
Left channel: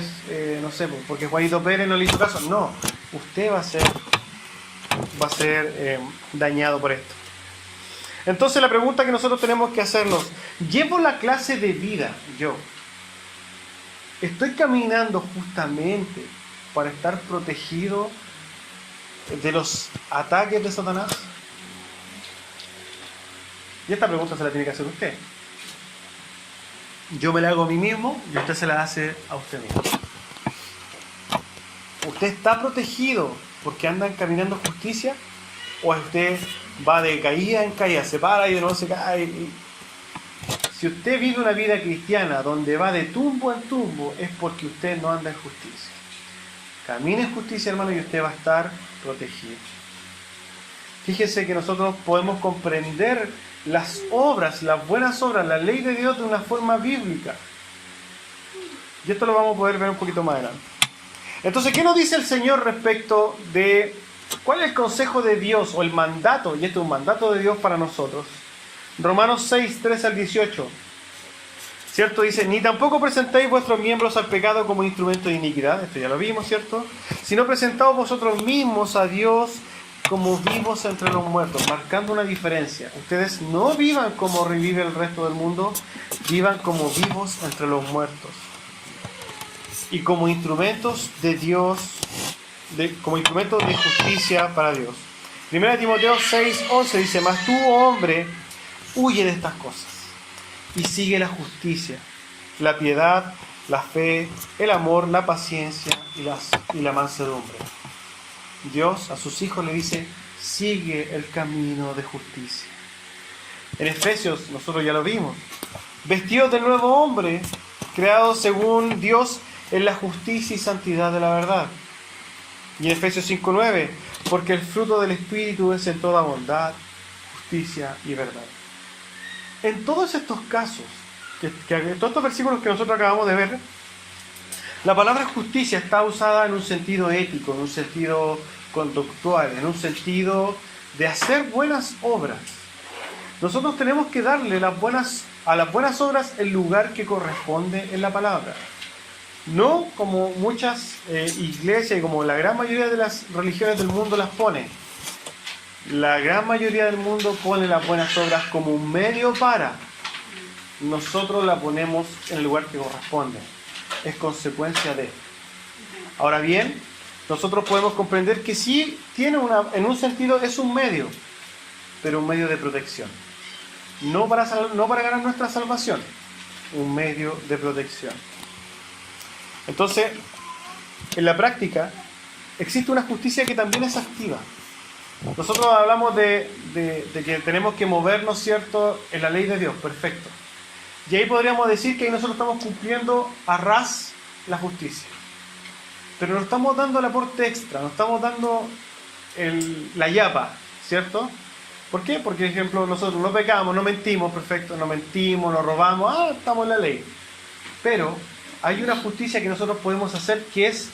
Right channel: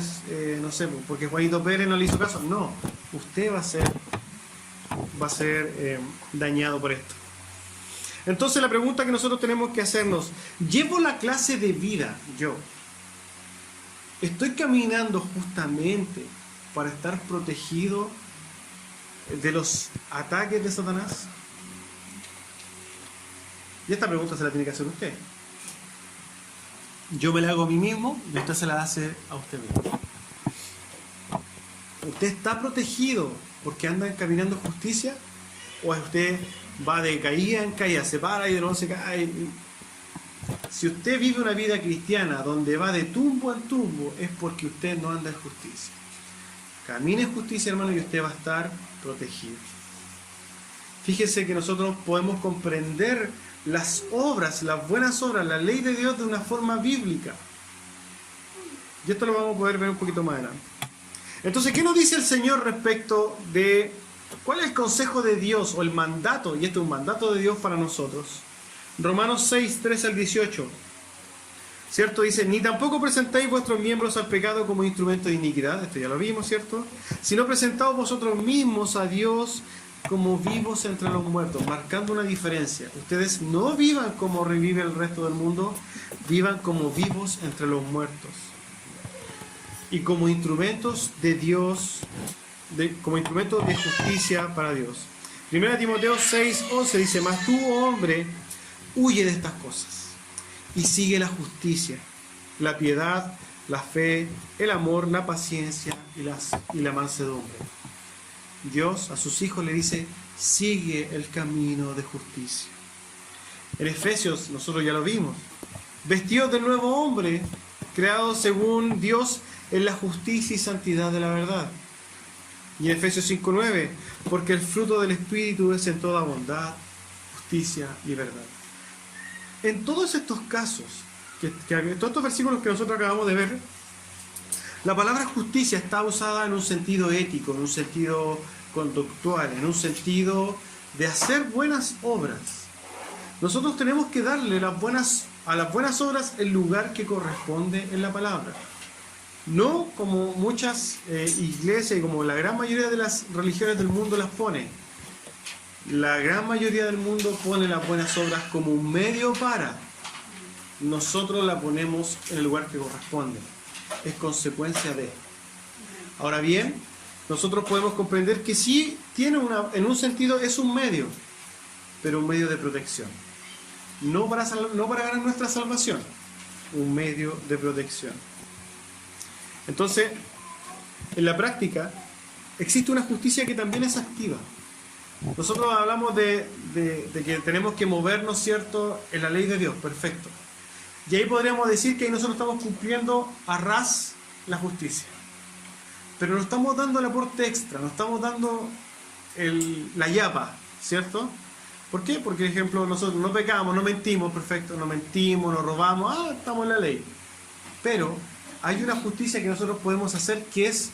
porque Juanito Pérez no le hizo caso. No, usted va a ser dañado por esto. Entonces la pregunta que nosotros tenemos que hacernos, ¿llevo la clase de vida yo? ¿Estoy caminando justamente para estar protegido de los ataques de Satanás? Y esta pregunta se la tiene que hacer usted. Yo me la hago a mí mismo y usted se la hace a usted mismo. ¿Usted está protegido porque anda caminando en justicia? ¿O usted va de caída en caída, se para y de nuevo se cae? Si usted vive una vida cristiana donde va de tumbo en tumbo, es porque usted no anda en justicia. Camine en justicia, hermano, y usted va a estar protegido. Fíjese que nosotros podemos comprender las obras, las buenas obras, la ley de Dios de una forma bíblica. Y esto lo vamos a poder ver un poquito más adelante. Entonces, ¿qué nos dice el Señor respecto de cuál es el consejo de Dios o el mandato? Y este es un mandato de Dios para nosotros. Romanos 6, 13 al 18. ¿Cierto? Dice, ni tampoco presentéis vuestros miembros al pecado como instrumento de iniquidad. Esto ya lo vimos, ¿cierto? Sino presentaos vosotros mismos a Dios como vivos entre los muertos, marcando una diferencia. Ustedes no vivan como revive el resto del mundo, vivan como vivos entre los muertos. Y como instrumentos de Dios, como instrumentos de justicia para Dios. 1 Timoteo 6, 11 dice, mas tú, oh hombre, huye de estas cosas y sigue la justicia, la piedad, la fe, el amor, la paciencia y la mansedumbre. Dios a sus hijos le dice, sigue el camino de justicia. En Efesios, nosotros ya lo vimos, vestidos del nuevo hombre, creados según Dios en la justicia y santidad de la verdad. Y en Efesios 5:9, porque el fruto del Espíritu es en toda bondad, justicia y verdad. En todos estos casos, todos estos versículos que nosotros acabamos de ver, la palabra justicia está usada en un sentido ético, en un sentido conductual, en un sentido de hacer buenas obras. Nosotros tenemos que darle a las buenas obras el lugar que corresponde en la palabra. No como muchas iglesias y como la gran mayoría de las religiones del mundo las ponen. La gran mayoría del mundo pone las buenas obras como un medio para. Nosotros la ponemos en el lugar que corresponde. Es consecuencia de. Ahora bien, nosotros podemos comprender que sí tiene en un sentido es un medio, pero un medio de protección. No para ganar nuestra salvación, un medio de protección. Entonces, en la práctica, existe una justicia que también es activa. Nosotros hablamos de que tenemos que movernos, ¿cierto?, en la ley de Dios, perfecto. Y ahí podríamos decir que ahí nosotros estamos cumpliendo a ras la justicia. Pero nos estamos dando el aporte extra, nos estamos dando la yapa, ¿cierto? ¿Por qué? Porque, por ejemplo, nosotros no pecamos, no mentimos, perfecto, no mentimos, no robamos, estamos en la ley. Pero hay una justicia que nosotros podemos hacer que es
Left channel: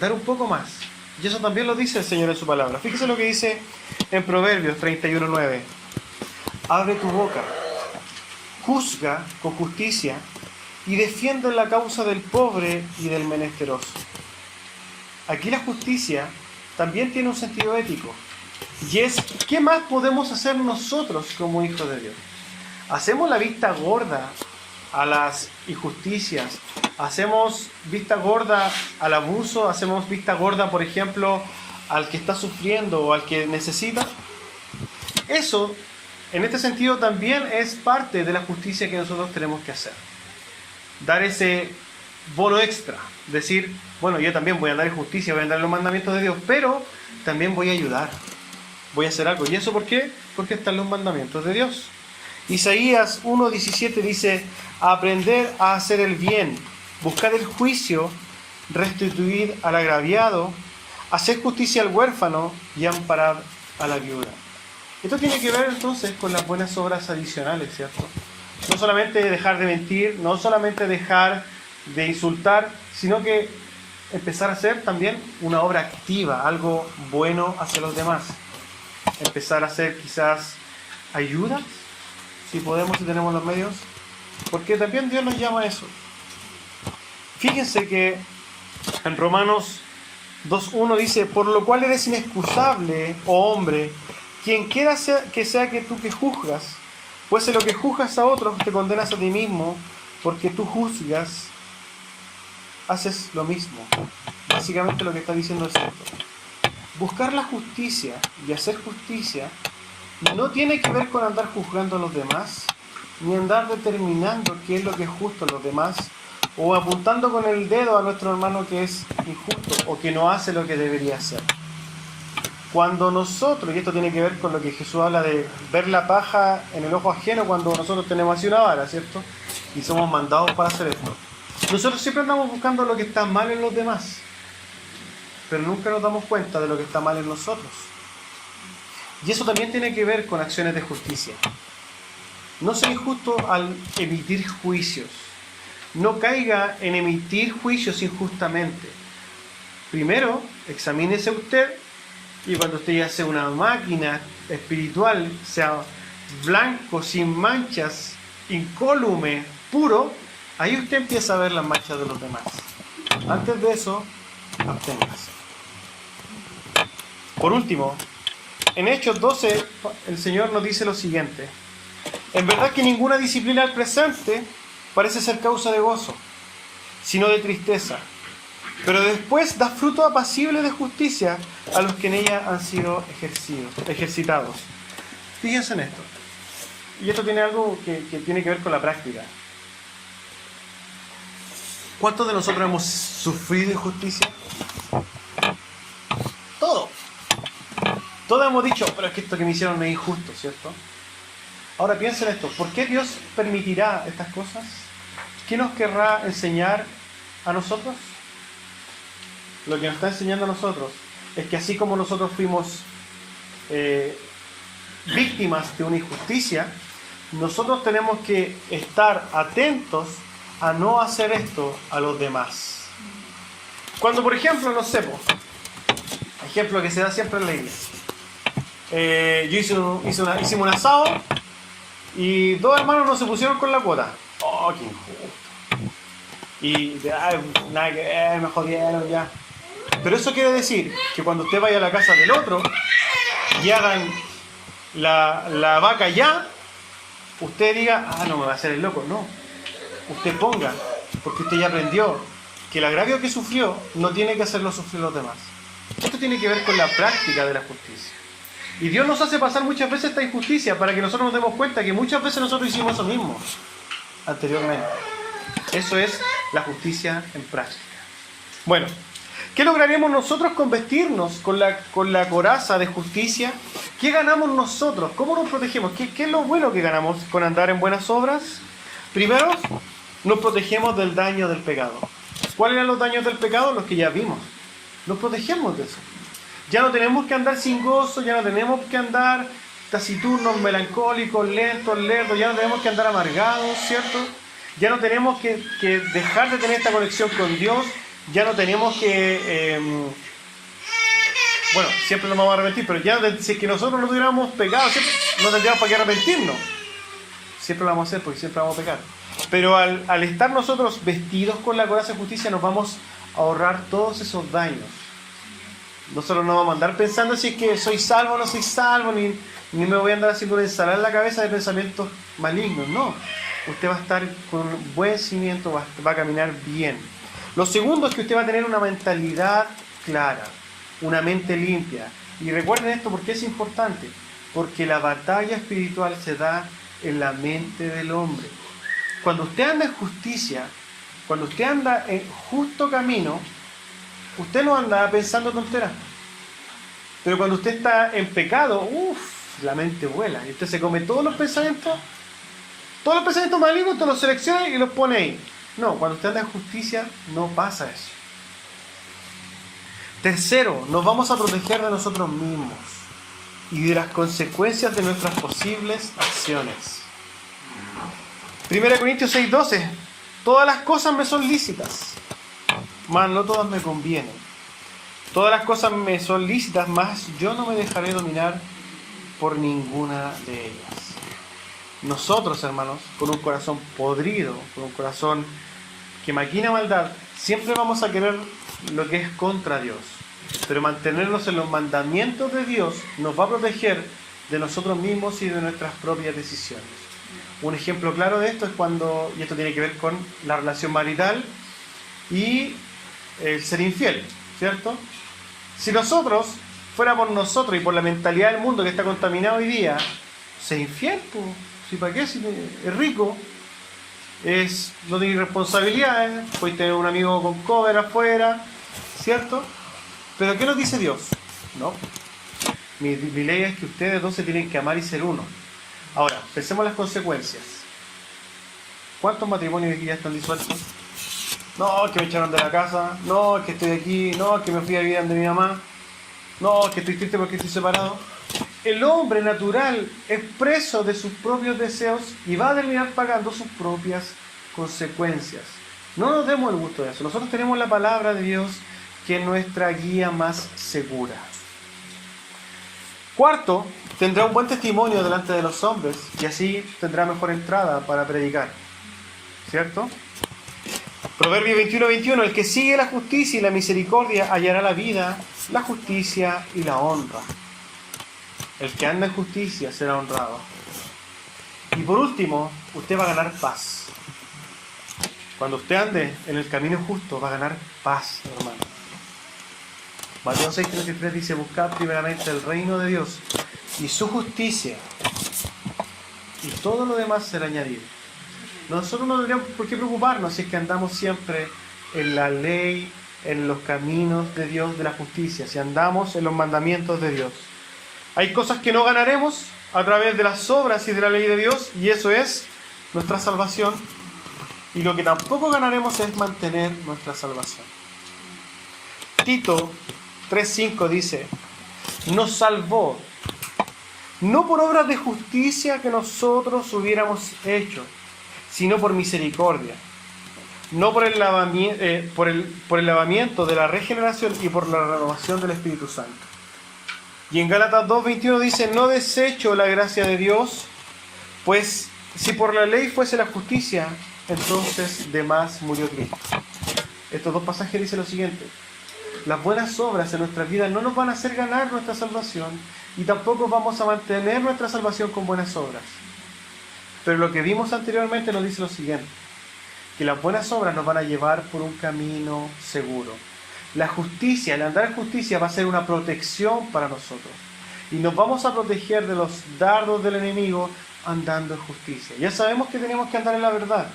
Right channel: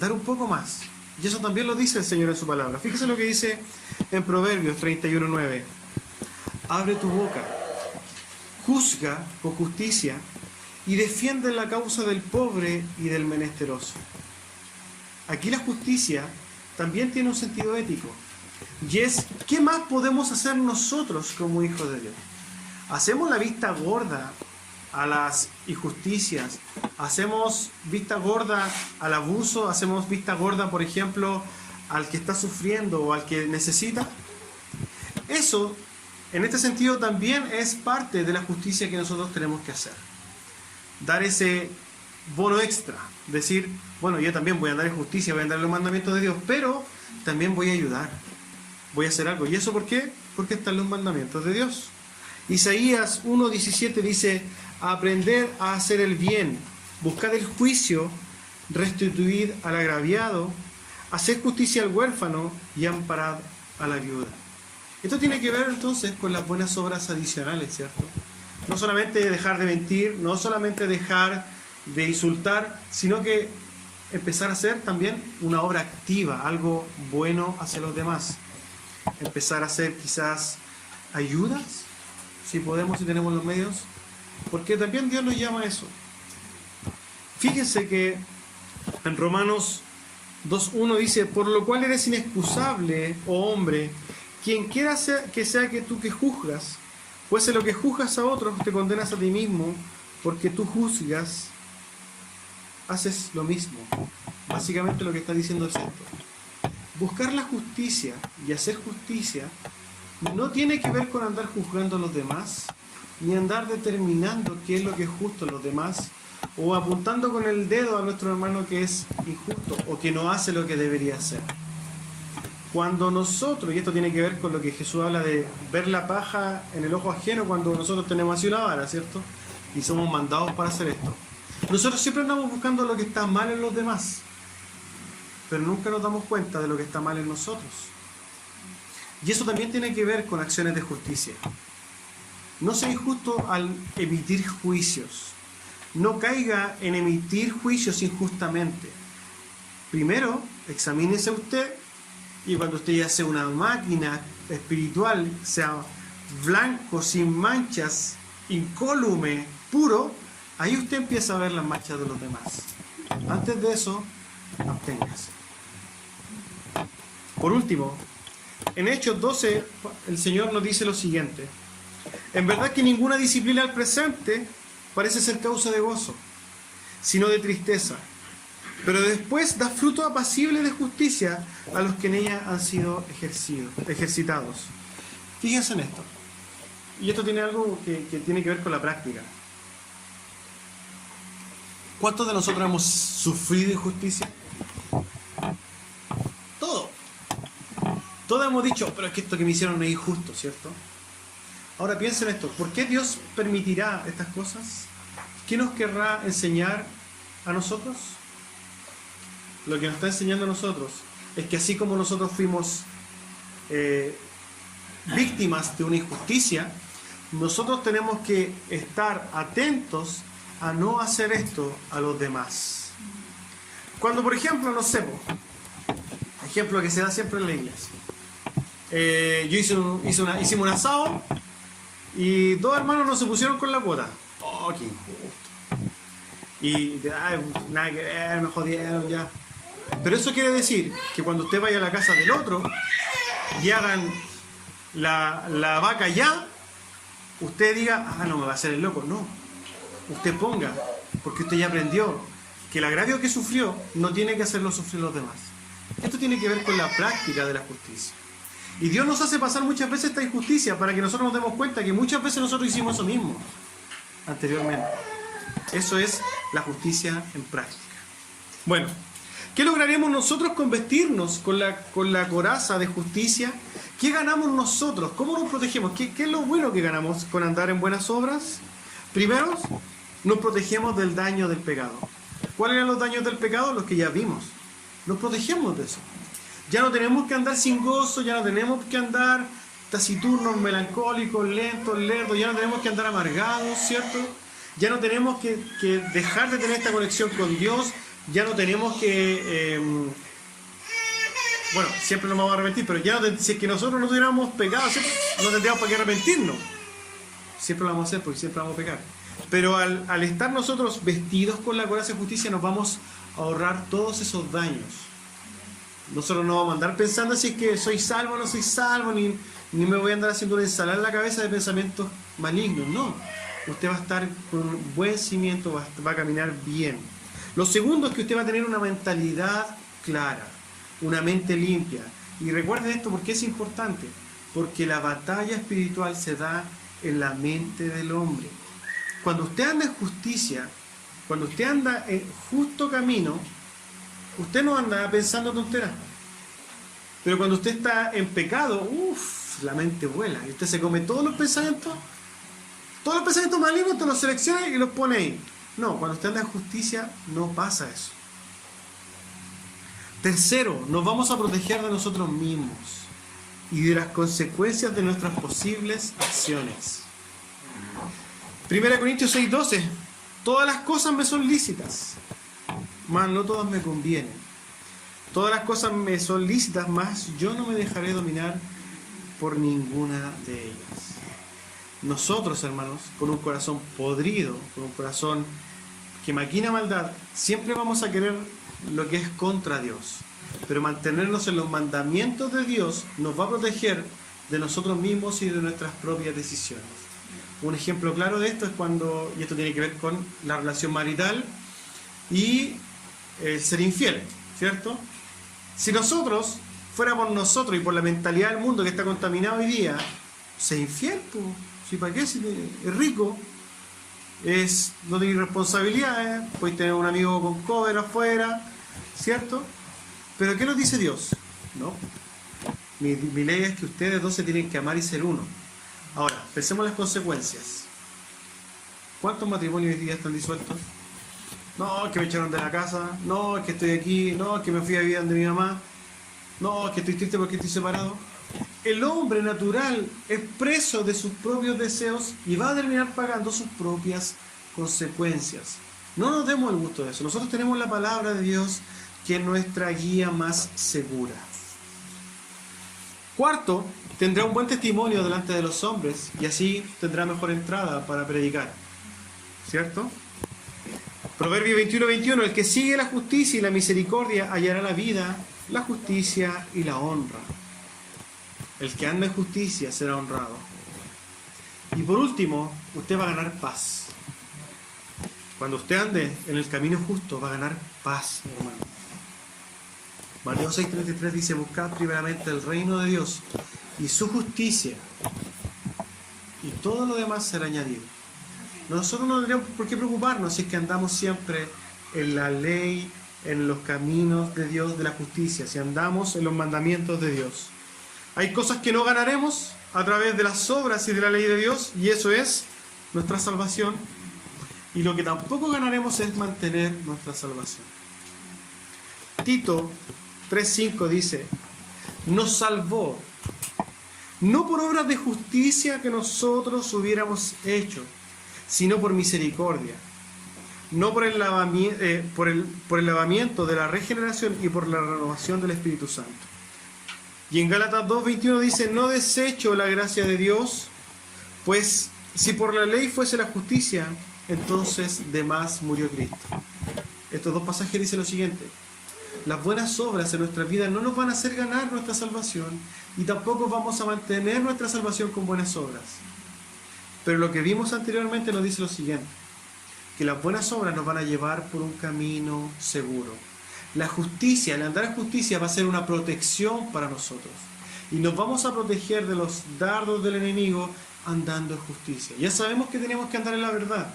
dar un poco más. Y eso también lo dice el Señor en su palabra. Fíjese lo que dice en Proverbios 31:9. Abre tu boca, juzga con justicia y defiende la causa del pobre y del menesteroso. Aquí la justicia también tiene un sentido ético. Y es, ¿qué más podemos hacer nosotros como hijos de Dios? ¿Hacemos la vista gorda a las injusticias? ¿Hacemos vista gorda al abuso? ¿Hacemos vista gorda, por ejemplo, al que está sufriendo o al que necesita? Eso, en este sentido, también es parte de la justicia que nosotros tenemos que hacer. Dar ese bono extra. Decir, bueno, yo también voy a andar en justicia, voy a andar en los mandamientos de Dios, pero también voy a ayudar. Voy a hacer algo. ¿Y eso por qué? Porque están los mandamientos de Dios. Isaías 1:17 dice, aprender a hacer el bien, buscar el juicio, restituir al agraviado, hacer justicia al huérfano y amparar a la viuda. Esto tiene que ver entonces con las buenas obras adicionales, ¿cierto? No solamente dejar de mentir, no solamente dejar de insultar, sino que empezar a hacer también una obra activa, algo bueno hacia los demás. Empezar a hacer quizás ayudas, si podemos, si tenemos los medios, porque también Dios nos llama a eso. Fíjense que en Romanos 2:1 dice, por lo cual eres inexcusable, oh hombre, quien quiera que sea que tú que juzgas, pues en lo que juzgas a otros te condenas a ti mismo, porque tú juzgas, haces lo mismo. Básicamente lo que está diciendo es esto. Buscar la justicia y hacer justicia no tiene que ver con andar juzgando a los demás, ni andar determinando qué es lo que es justo a los demás, o apuntando con el dedo a nuestro hermano que es injusto o que no hace lo que debería hacer. Cuando nosotros, y esto tiene que ver con lo que Jesús habla de ver la paja en el ojo ajeno, cuando nosotros tenemos así una vara, ¿cierto? Y somos mandados para hacer esto. Nosotros siempre andamos buscando lo que está mal en los demás, pero nunca nos damos cuenta de lo que está mal en nosotros. Y eso también tiene que ver con acciones de justicia. No sea injusto al emitir juicios. No caiga en emitir juicios injustamente. Primero, examínese usted, y cuando usted ya sea una máquina espiritual, sea blanco, sin manchas, incólume, puro, ahí usted empieza a ver las manchas de los demás. Antes de eso, absténgase. Por último, en Hechos 12, el Señor nos dice lo siguiente. En verdad que ninguna disciplina al presente parece ser causa de gozo, sino de tristeza. Pero después da fruto apacible de justicia a los que en ella han sido ejercitados. Fíjense en esto. Y esto tiene algo que tiene que ver con la práctica. ¿Cuántos de nosotros hemos sufrido injusticia? Todos. Todos hemos dicho, pero es que esto que me hicieron no es injusto, ¿cierto? Ahora piensen esto. ¿Por qué Dios permitirá estas cosas? ¿Qué nos querrá enseñar a nosotros? Lo que nos está enseñando a nosotros es que así como nosotros fuimos víctimas de una injusticia, nosotros tenemos que estar atentos a no hacer esto a los demás. Cuando, por ejemplo, no sé, ejemplo que se da siempre en la iglesia. Hicimos un asado y dos hermanos no se pusieron con la cuota. ¡Oh, qué injusto! Y nada que ver, me jodieron ya. Pero eso quiere decir que cuando usted vaya a la casa del otro y hagan la vaca ya, usted diga, no me va a hacer el loco. No, usted ponga, porque usted ya aprendió que el agravio que sufrió no tiene que hacerlo sufrir los demás. Esto tiene que ver con la práctica de la justicia. Y Dios nos hace pasar muchas veces esta injusticia para que nosotros nos demos cuenta que muchas veces nosotros hicimos eso mismo anteriormente. Eso es la justicia en práctica. Bueno, ¿Qué lograríamos nosotros con vestirnos con la coraza de justicia? ¿Qué ganamos nosotros? ¿Cómo nos protegemos? ¿Qué es lo bueno que ganamos con andar en buenas obras? Primero, nos protegemos del daño del pecado. ¿Cuáles eran los daños del pecado? Los que ya vimos. Nos protegemos de eso. Ya no tenemos que andar sin gozo, ya no tenemos que andar taciturnos, melancólicos, lentos, lerdos, ya no tenemos que andar amargados, ¿cierto? Ya no tenemos que dejar de tener esta conexión con Dios, ya no tenemos que... bueno, siempre nos vamos a arrepentir, pero ya si es que nosotros no tuviéramos pecado, siempre no tendríamos para qué arrepentirnos. Siempre lo vamos a hacer porque siempre vamos a pecar. Pero al estar nosotros vestidos con la coraza de justicia, nos vamos a ahorrar todos esos daños. Nosotros no vamos a andar pensando si es que soy salvo o no soy salvo, ni me voy a andar haciendo una ensalada en la cabeza de pensamientos malignos. No, usted va a estar con un buen cimiento, va a caminar bien. Lo segundo es que usted va a tener una mentalidad clara, una mente limpia. Y recuerden esto porque es importante, porque la batalla espiritual se da en la mente del hombre. Cuando usted anda en justicia, cuando usted anda en justo camino, usted no anda pensando tonteras. Pero cuando usted está en pecado, la mente vuela. Y usted se come todos los pensamientos malignos, usted los selecciona y los pone ahí. No, cuando usted anda en justicia, no pasa eso. Tercero, nos vamos a proteger de nosotros mismos y de las consecuencias de nuestras posibles acciones. 1 Corintios 6:12. Todas las cosas me son lícitas, mas no todas me convienen. Todas las cosas me son lícitas, mas yo no me dejaré dominar por ninguna de ellas. Nosotros, hermanos, con un corazón podrido, con un corazón que maquina maldad, siempre vamos a querer lo que es contra Dios. Pero mantenernos en los mandamientos de Dios nos va a proteger de nosotros mismos y de nuestras propias decisiones. Un ejemplo claro de esto es cuando, y esto tiene que ver con la relación marital y el ser infiel, ¿cierto? Si nosotros fuera por nosotros y por la mentalidad del mundo que está contaminado hoy día, ser infiel, pues, ¿sí para qué? Si es rico, no tiene responsabilidades, puede tener un amigo con cover afuera, ¿cierto? Pero ¿qué nos dice Dios? No. Mi ley es que ustedes dos se tienen que amar y ser uno. Ahora, pensemos las consecuencias. ¿Cuántos matrimonios ya están disueltos? No, que me echaron de la casa. No, que estoy aquí. No, que me fui a vivir donde mi mamá. No, que estoy triste porque estoy separado. El hombre natural es preso de sus propios deseos y va a terminar pagando sus propias consecuencias. No nos demos el gusto de eso. Nosotros tenemos la palabra de Dios, que es nuestra guía más segura. Cuarto, tendrá un buen testimonio delante de los hombres y así tendrá mejor entrada para predicar. ¿Cierto? Proverbio 21:21. El que sigue la justicia y la misericordia hallará la vida, la justicia y la honra. El que anda en justicia será honrado. Y por último, usted va a ganar paz. Cuando usted ande en el camino justo, va a ganar paz, hermano. Mateo 6:33 dice: buscad primeramente el reino de Dios y su justicia, y todo lo demás será añadido. Nosotros no tendríamos por qué preocuparnos si es que andamos siempre en la ley, en los caminos de Dios, de la justicia, si andamos en los mandamientos de Dios. Hay cosas que no ganaremos a través de las obras y de la ley de Dios, y eso es nuestra salvación. Y lo que tampoco ganaremos es mantener nuestra salvación. Tito 3:5 dice: nos salvó, no por obras de justicia que nosotros hubiéramos hecho, sino por misericordia, no por el lavamiento de la regeneración y por la renovación del Espíritu Santo. Y en Gálatas 2:21 dice: no desecho la gracia de Dios, pues si por la ley fuese la justicia, entonces de más murió Cristo. Estos dos pasajes dicen lo siguiente: las buenas obras en nuestra vida no nos van a hacer ganar nuestra salvación y tampoco vamos a mantener nuestra salvación con buenas obras. Pero lo que vimos anteriormente nos dice lo siguiente: que las buenas obras nos van a llevar por un camino seguro. La justicia, el andar en justicia va a ser una protección para nosotros. Y nos vamos a proteger de los dardos del enemigo andando en justicia. Ya sabemos que tenemos que andar en la verdad,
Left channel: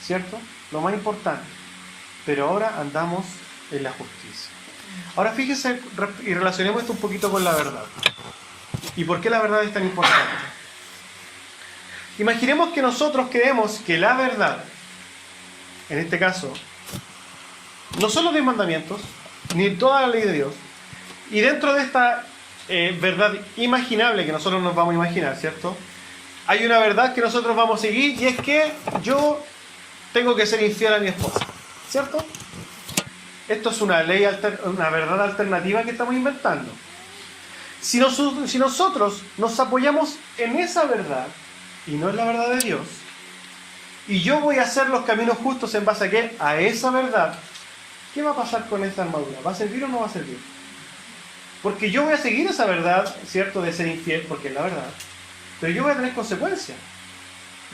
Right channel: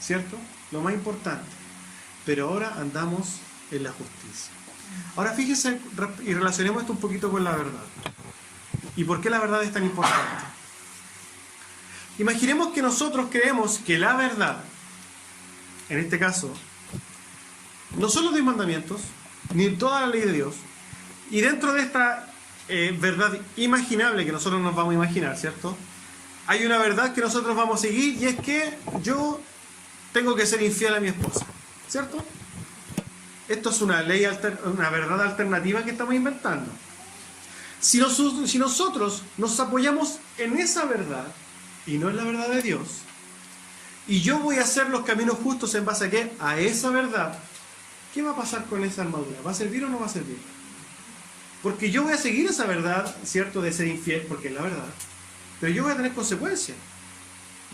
¿cierto? Lo más importante. Pero ahora andamos es la justicia. Ahora fíjense y relacionemos esto un poquito con la verdad. ¿Y por qué la verdad es tan importante? Imaginemos que nosotros creemos que la verdad, en este caso, no son los 10 mandamientos, ni toda la ley de Dios, y dentro de esta verdad imaginable que nosotros nos vamos a imaginar, ¿cierto? Hay una verdad que nosotros vamos a seguir y es que yo tengo que ser infiel a mi esposa, ¿cierto? Esto es una ley, una verdad alternativa que estamos inventando. Si nosotros nos apoyamos en esa verdad y no en la verdad de Dios, y yo voy a hacer los caminos justos en base a ¿qué? A esa verdad, ¿qué va a pasar con esa armadura? ¿Va a servir o no va a servir? Porque yo voy a seguir esa verdad, ¿cierto? De ser infiel, porque es la verdad. Pero yo voy a tener consecuencias.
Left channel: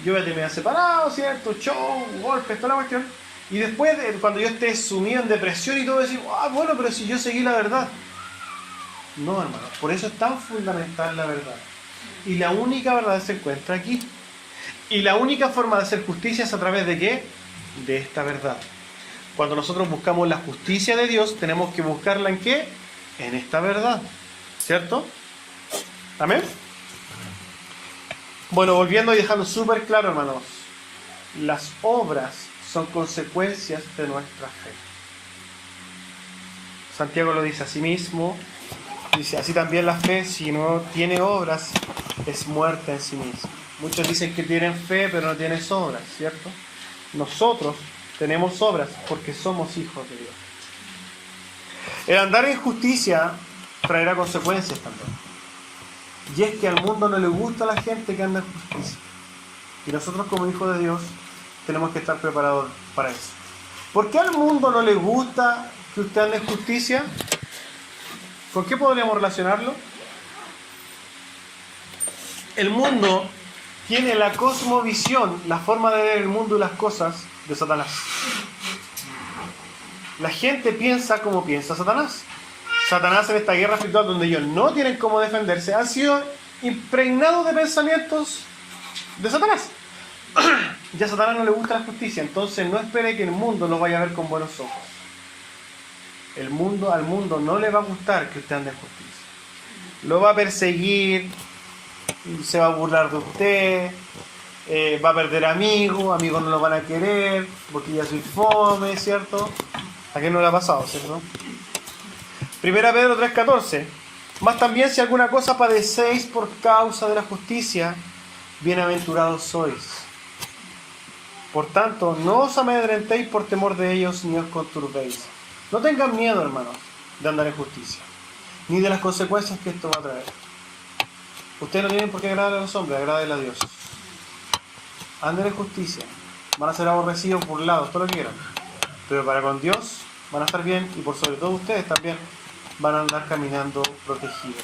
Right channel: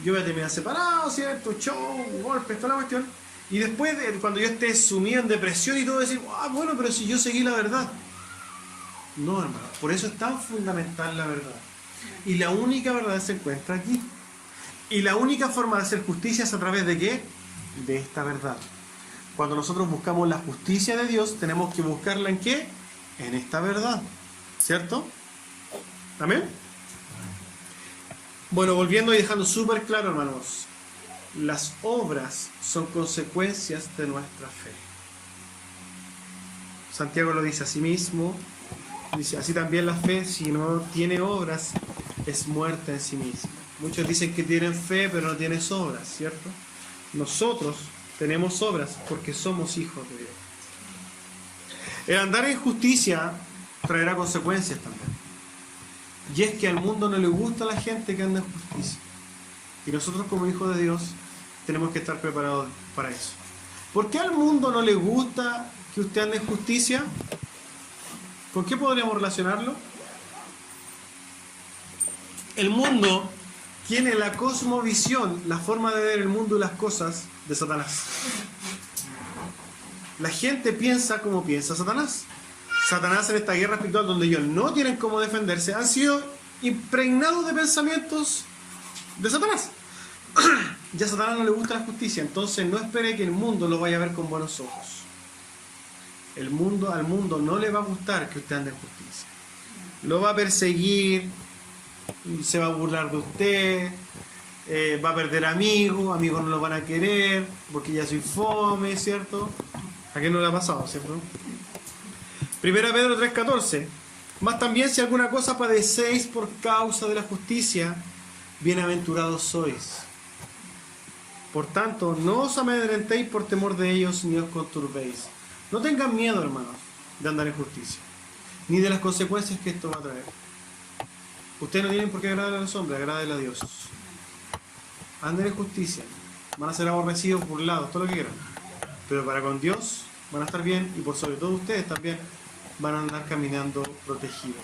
Yo voy a terminar separado, ¿cierto? Show, golpes, toda la cuestión. Y después, cuando yo esté sumido en depresión y todo, decir, bueno, pero si yo seguí la verdad. No, hermano. Por eso es tan fundamental la verdad. Y la única verdad se encuentra aquí. Y la única forma de hacer justicia es a través de ¿qué? De esta verdad. Cuando nosotros buscamos la justicia de Dios, tenemos que buscarla ¿en qué? En esta verdad. ¿Cierto? ¿Amén? Bueno, volviendo y dejando súper claro, hermanos, las obras son consecuencias de nuestra fe. Santiago lo dice a sí mismo, dice, así también la fe, si no tiene obras, es muerta en sí misma. Muchos dicen que tienen fe, pero no tienen obras, ¿cierto? Nosotros tenemos obras porque somos hijos de Dios. El andar en justicia traerá consecuencias también. Y es que al mundo no le gusta la gente que anda en justicia. Y nosotros como hijos de Dios tenemos que estar preparados para eso. ¿Por qué al mundo no le gusta que usted ande en justicia? ¿Con qué podríamos relacionarlo? El mundo tiene la cosmovisión, la forma de ver el mundo y las cosas de Satanás. La gente piensa como piensa Satanás. Satanás en esta guerra espiritual donde ellos no tienen cómo defenderse, han sido impregnados de pensamientos de Satanás. Ya a Satanás no le gusta la justicia, entonces no espere que el mundo lo vaya a ver con buenos ojos. Al mundo no le va a gustar que usted ande en justicia. Lo va a perseguir, se va a burlar de usted, va a perder amigos no lo van a querer, porque ya soy fome, ¿cierto? ¿A qué no le ha pasado, cierto? Primera Pedro 3:14. Más también si alguna cosa padecéis por causa de la justicia, bienaventurados sois. Por tanto, no os amedrentéis por temor de ellos, ni os conturbéis. No tengan miedo, hermanos, de andar en justicia, ni de las consecuencias que esto va a traer. Ustedes no tienen por qué agradar a los hombres, agraden a Dios. Anden en justicia. Van a ser aborrecidos, burlados, todo lo que quieran. Pero para con Dios van a estar bien, y por sobre todo ustedes también van a andar caminando protegidos.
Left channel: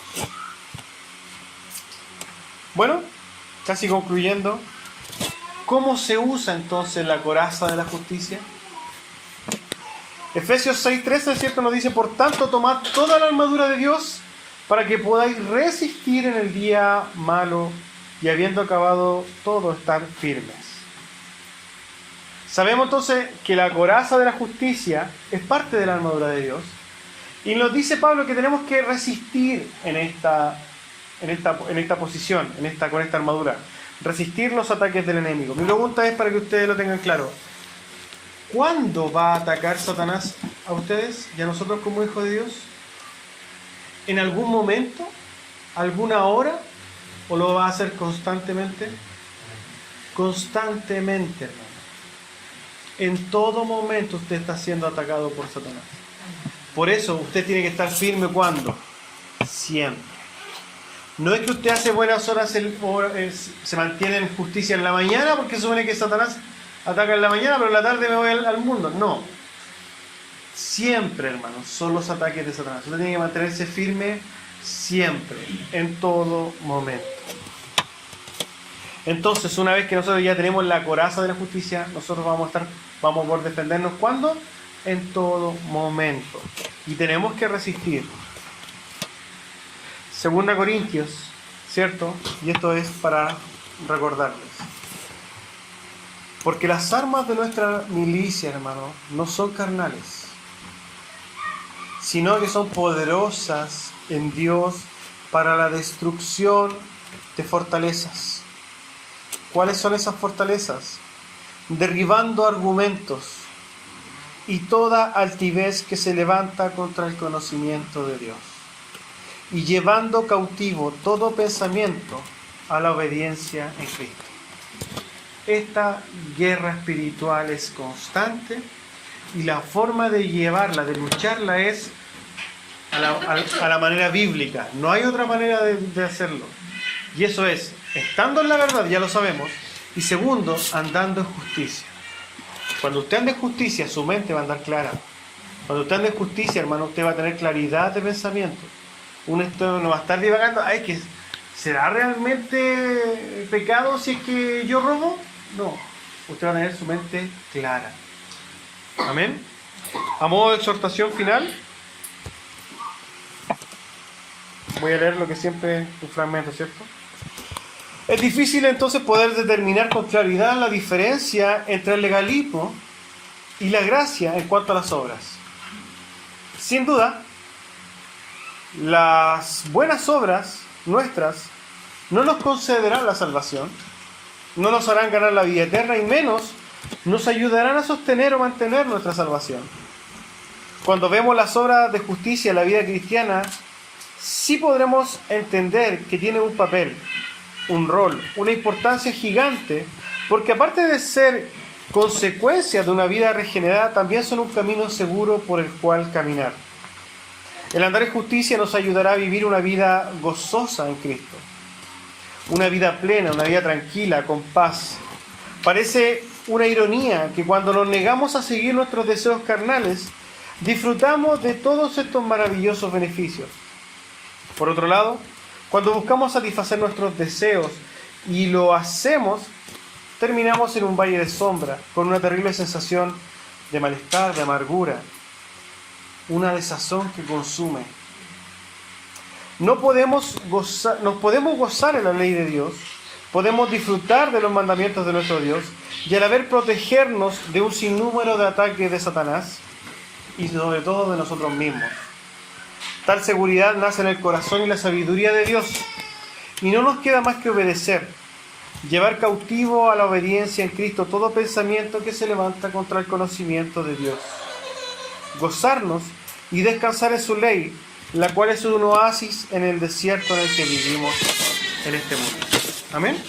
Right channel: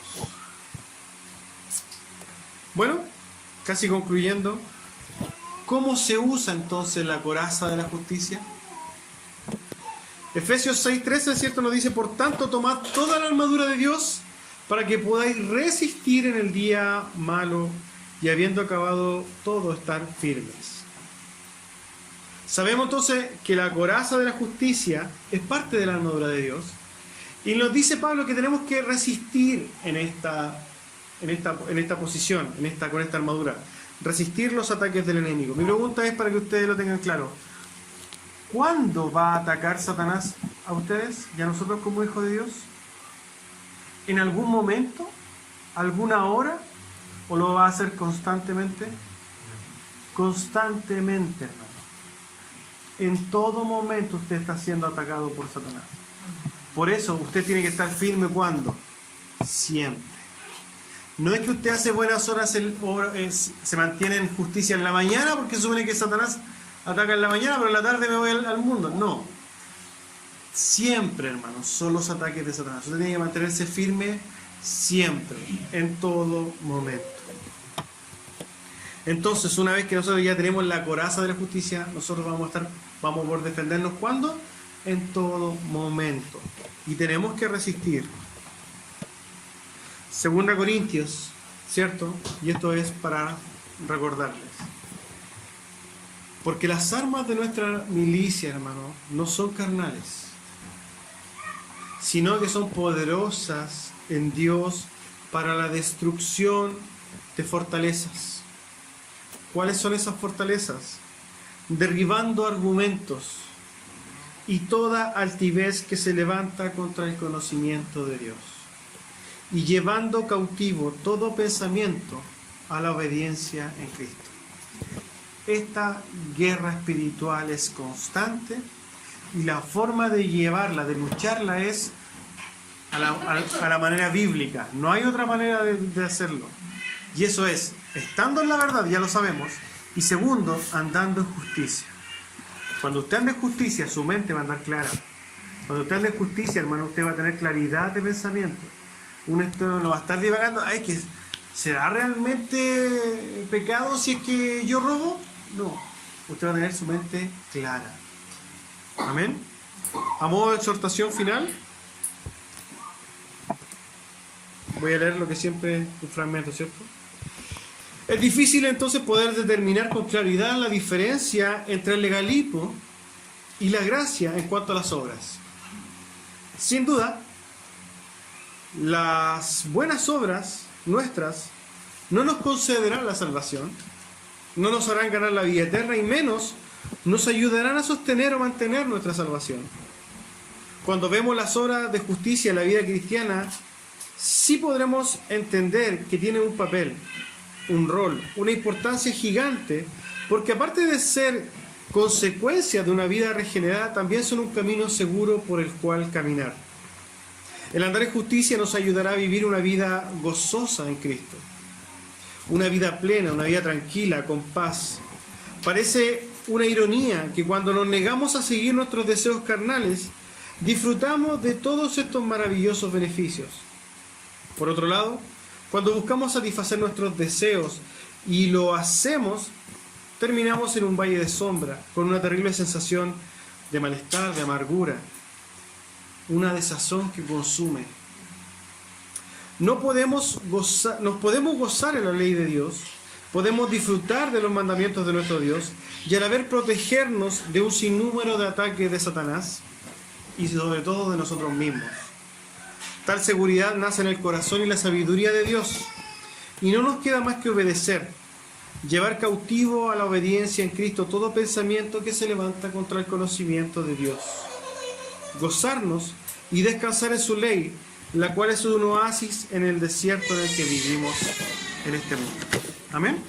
Bueno, casi concluyendo, ¿cómo se usa entonces la coraza de la justicia? Efesios 6:13, ¿cierto? Nos dice, por tanto, tomad toda la armadura de Dios para que podáis resistir en el día malo y habiendo acabado todo, estar firmes. Sabemos entonces que la coraza de la justicia es parte de la armadura de Dios. Y nos dice Pablo que tenemos que resistir en esta posición, con esta armadura. Resistir los ataques del enemigo. Mi pregunta es para que ustedes lo tengan claro. ¿Cuándo va a atacar Satanás a ustedes y a nosotros como hijos de Dios? ¿En algún momento? ¿Alguna hora? ¿O lo va a hacer constantemente? Constantemente, hermano. En todo momento usted está siendo atacado por Satanás. Por eso usted tiene que estar firme. ¿Cuándo? Siempre. No es que usted hace buenas horas, se mantiene en justicia en la mañana porque supone que Satanás ataca en la mañana, pero en la tarde me voy al mundo. No. Siempre, hermanos, son los ataques de Satanás. Usted tiene que mantenerse firme siempre, en todo momento. Entonces, una vez que nosotros ya tenemos la coraza de la justicia, nosotros vamos a poder defendernos. ¿Cuándo? En todo momento. Y tenemos que resistir. 2 Corintios, ¿cierto? Y esto es para recordarles. Porque las armas de nuestra milicia, hermano, no son carnales, sino que son poderosas en Dios para la destrucción de fortalezas. ¿Cuáles son esas fortalezas? Derribando argumentos y toda altivez que se levanta contra el conocimiento de Dios, y llevando cautivo todo pensamiento a la obediencia en Cristo. Esta guerra espiritual es constante y la forma de llevarla, de lucharla, es a la manera bíblica. No hay otra manera de hacerlo. Y eso es, estando en la verdad, ya lo sabemos, y segundo, andando en justicia. Cuando usted anda en justicia, su mente va a andar clara. Cuando usted anda en justicia, hermano, usted va a tener claridad de pensamiento. Uno no va a estar divagando, ¿será realmente pecado si es que yo robo? No, usted va a tener su mente clara. Amén. A modo de exhortación final, voy a leer lo que siempre, un fragmento, ¿cierto? Es difícil entonces poder determinar con claridad la diferencia entre el legalismo y la gracia en cuanto a las obras. Sin duda, las buenas obras nuestras no nos concederán la salvación, no nos harán ganar la vida eterna y menos nos ayudarán a sostener o mantener nuestra salvación. Cuando vemos las obras de justicia en la vida cristiana, sí podremos entender que tiene un papel, un rol, una importancia gigante, porque aparte de ser consecuencia de una vida regenerada, también son un camino seguro por el cual caminar. El andar en justicia nos ayudará a vivir una vida gozosa en Cristo, una vida plena, una vida tranquila, con paz. Parece una ironía que cuando nos negamos a seguir nuestros deseos carnales, disfrutamos de todos estos maravillosos beneficios. Por otro lado, cuando buscamos satisfacer nuestros deseos y lo hacemos, terminamos en un valle de sombra, con una terrible sensación de malestar, de amargura, una desazón que consume. Nos podemos gozar en la ley de Dios, podemos disfrutar de los mandamientos de nuestro Dios y a la vez protegernos de un sinnúmero de ataques de Satanás y sobre todo de nosotros mismos. Tal seguridad nace en el corazón y la sabiduría de Dios, y no nos queda más que obedecer, llevar cautivo a la obediencia en Cristo todo pensamiento que se levanta contra el conocimiento de Dios, gozarnos y descansar en su ley, la cual es un oasis en el desierto en el que vivimos en este mundo. Amén.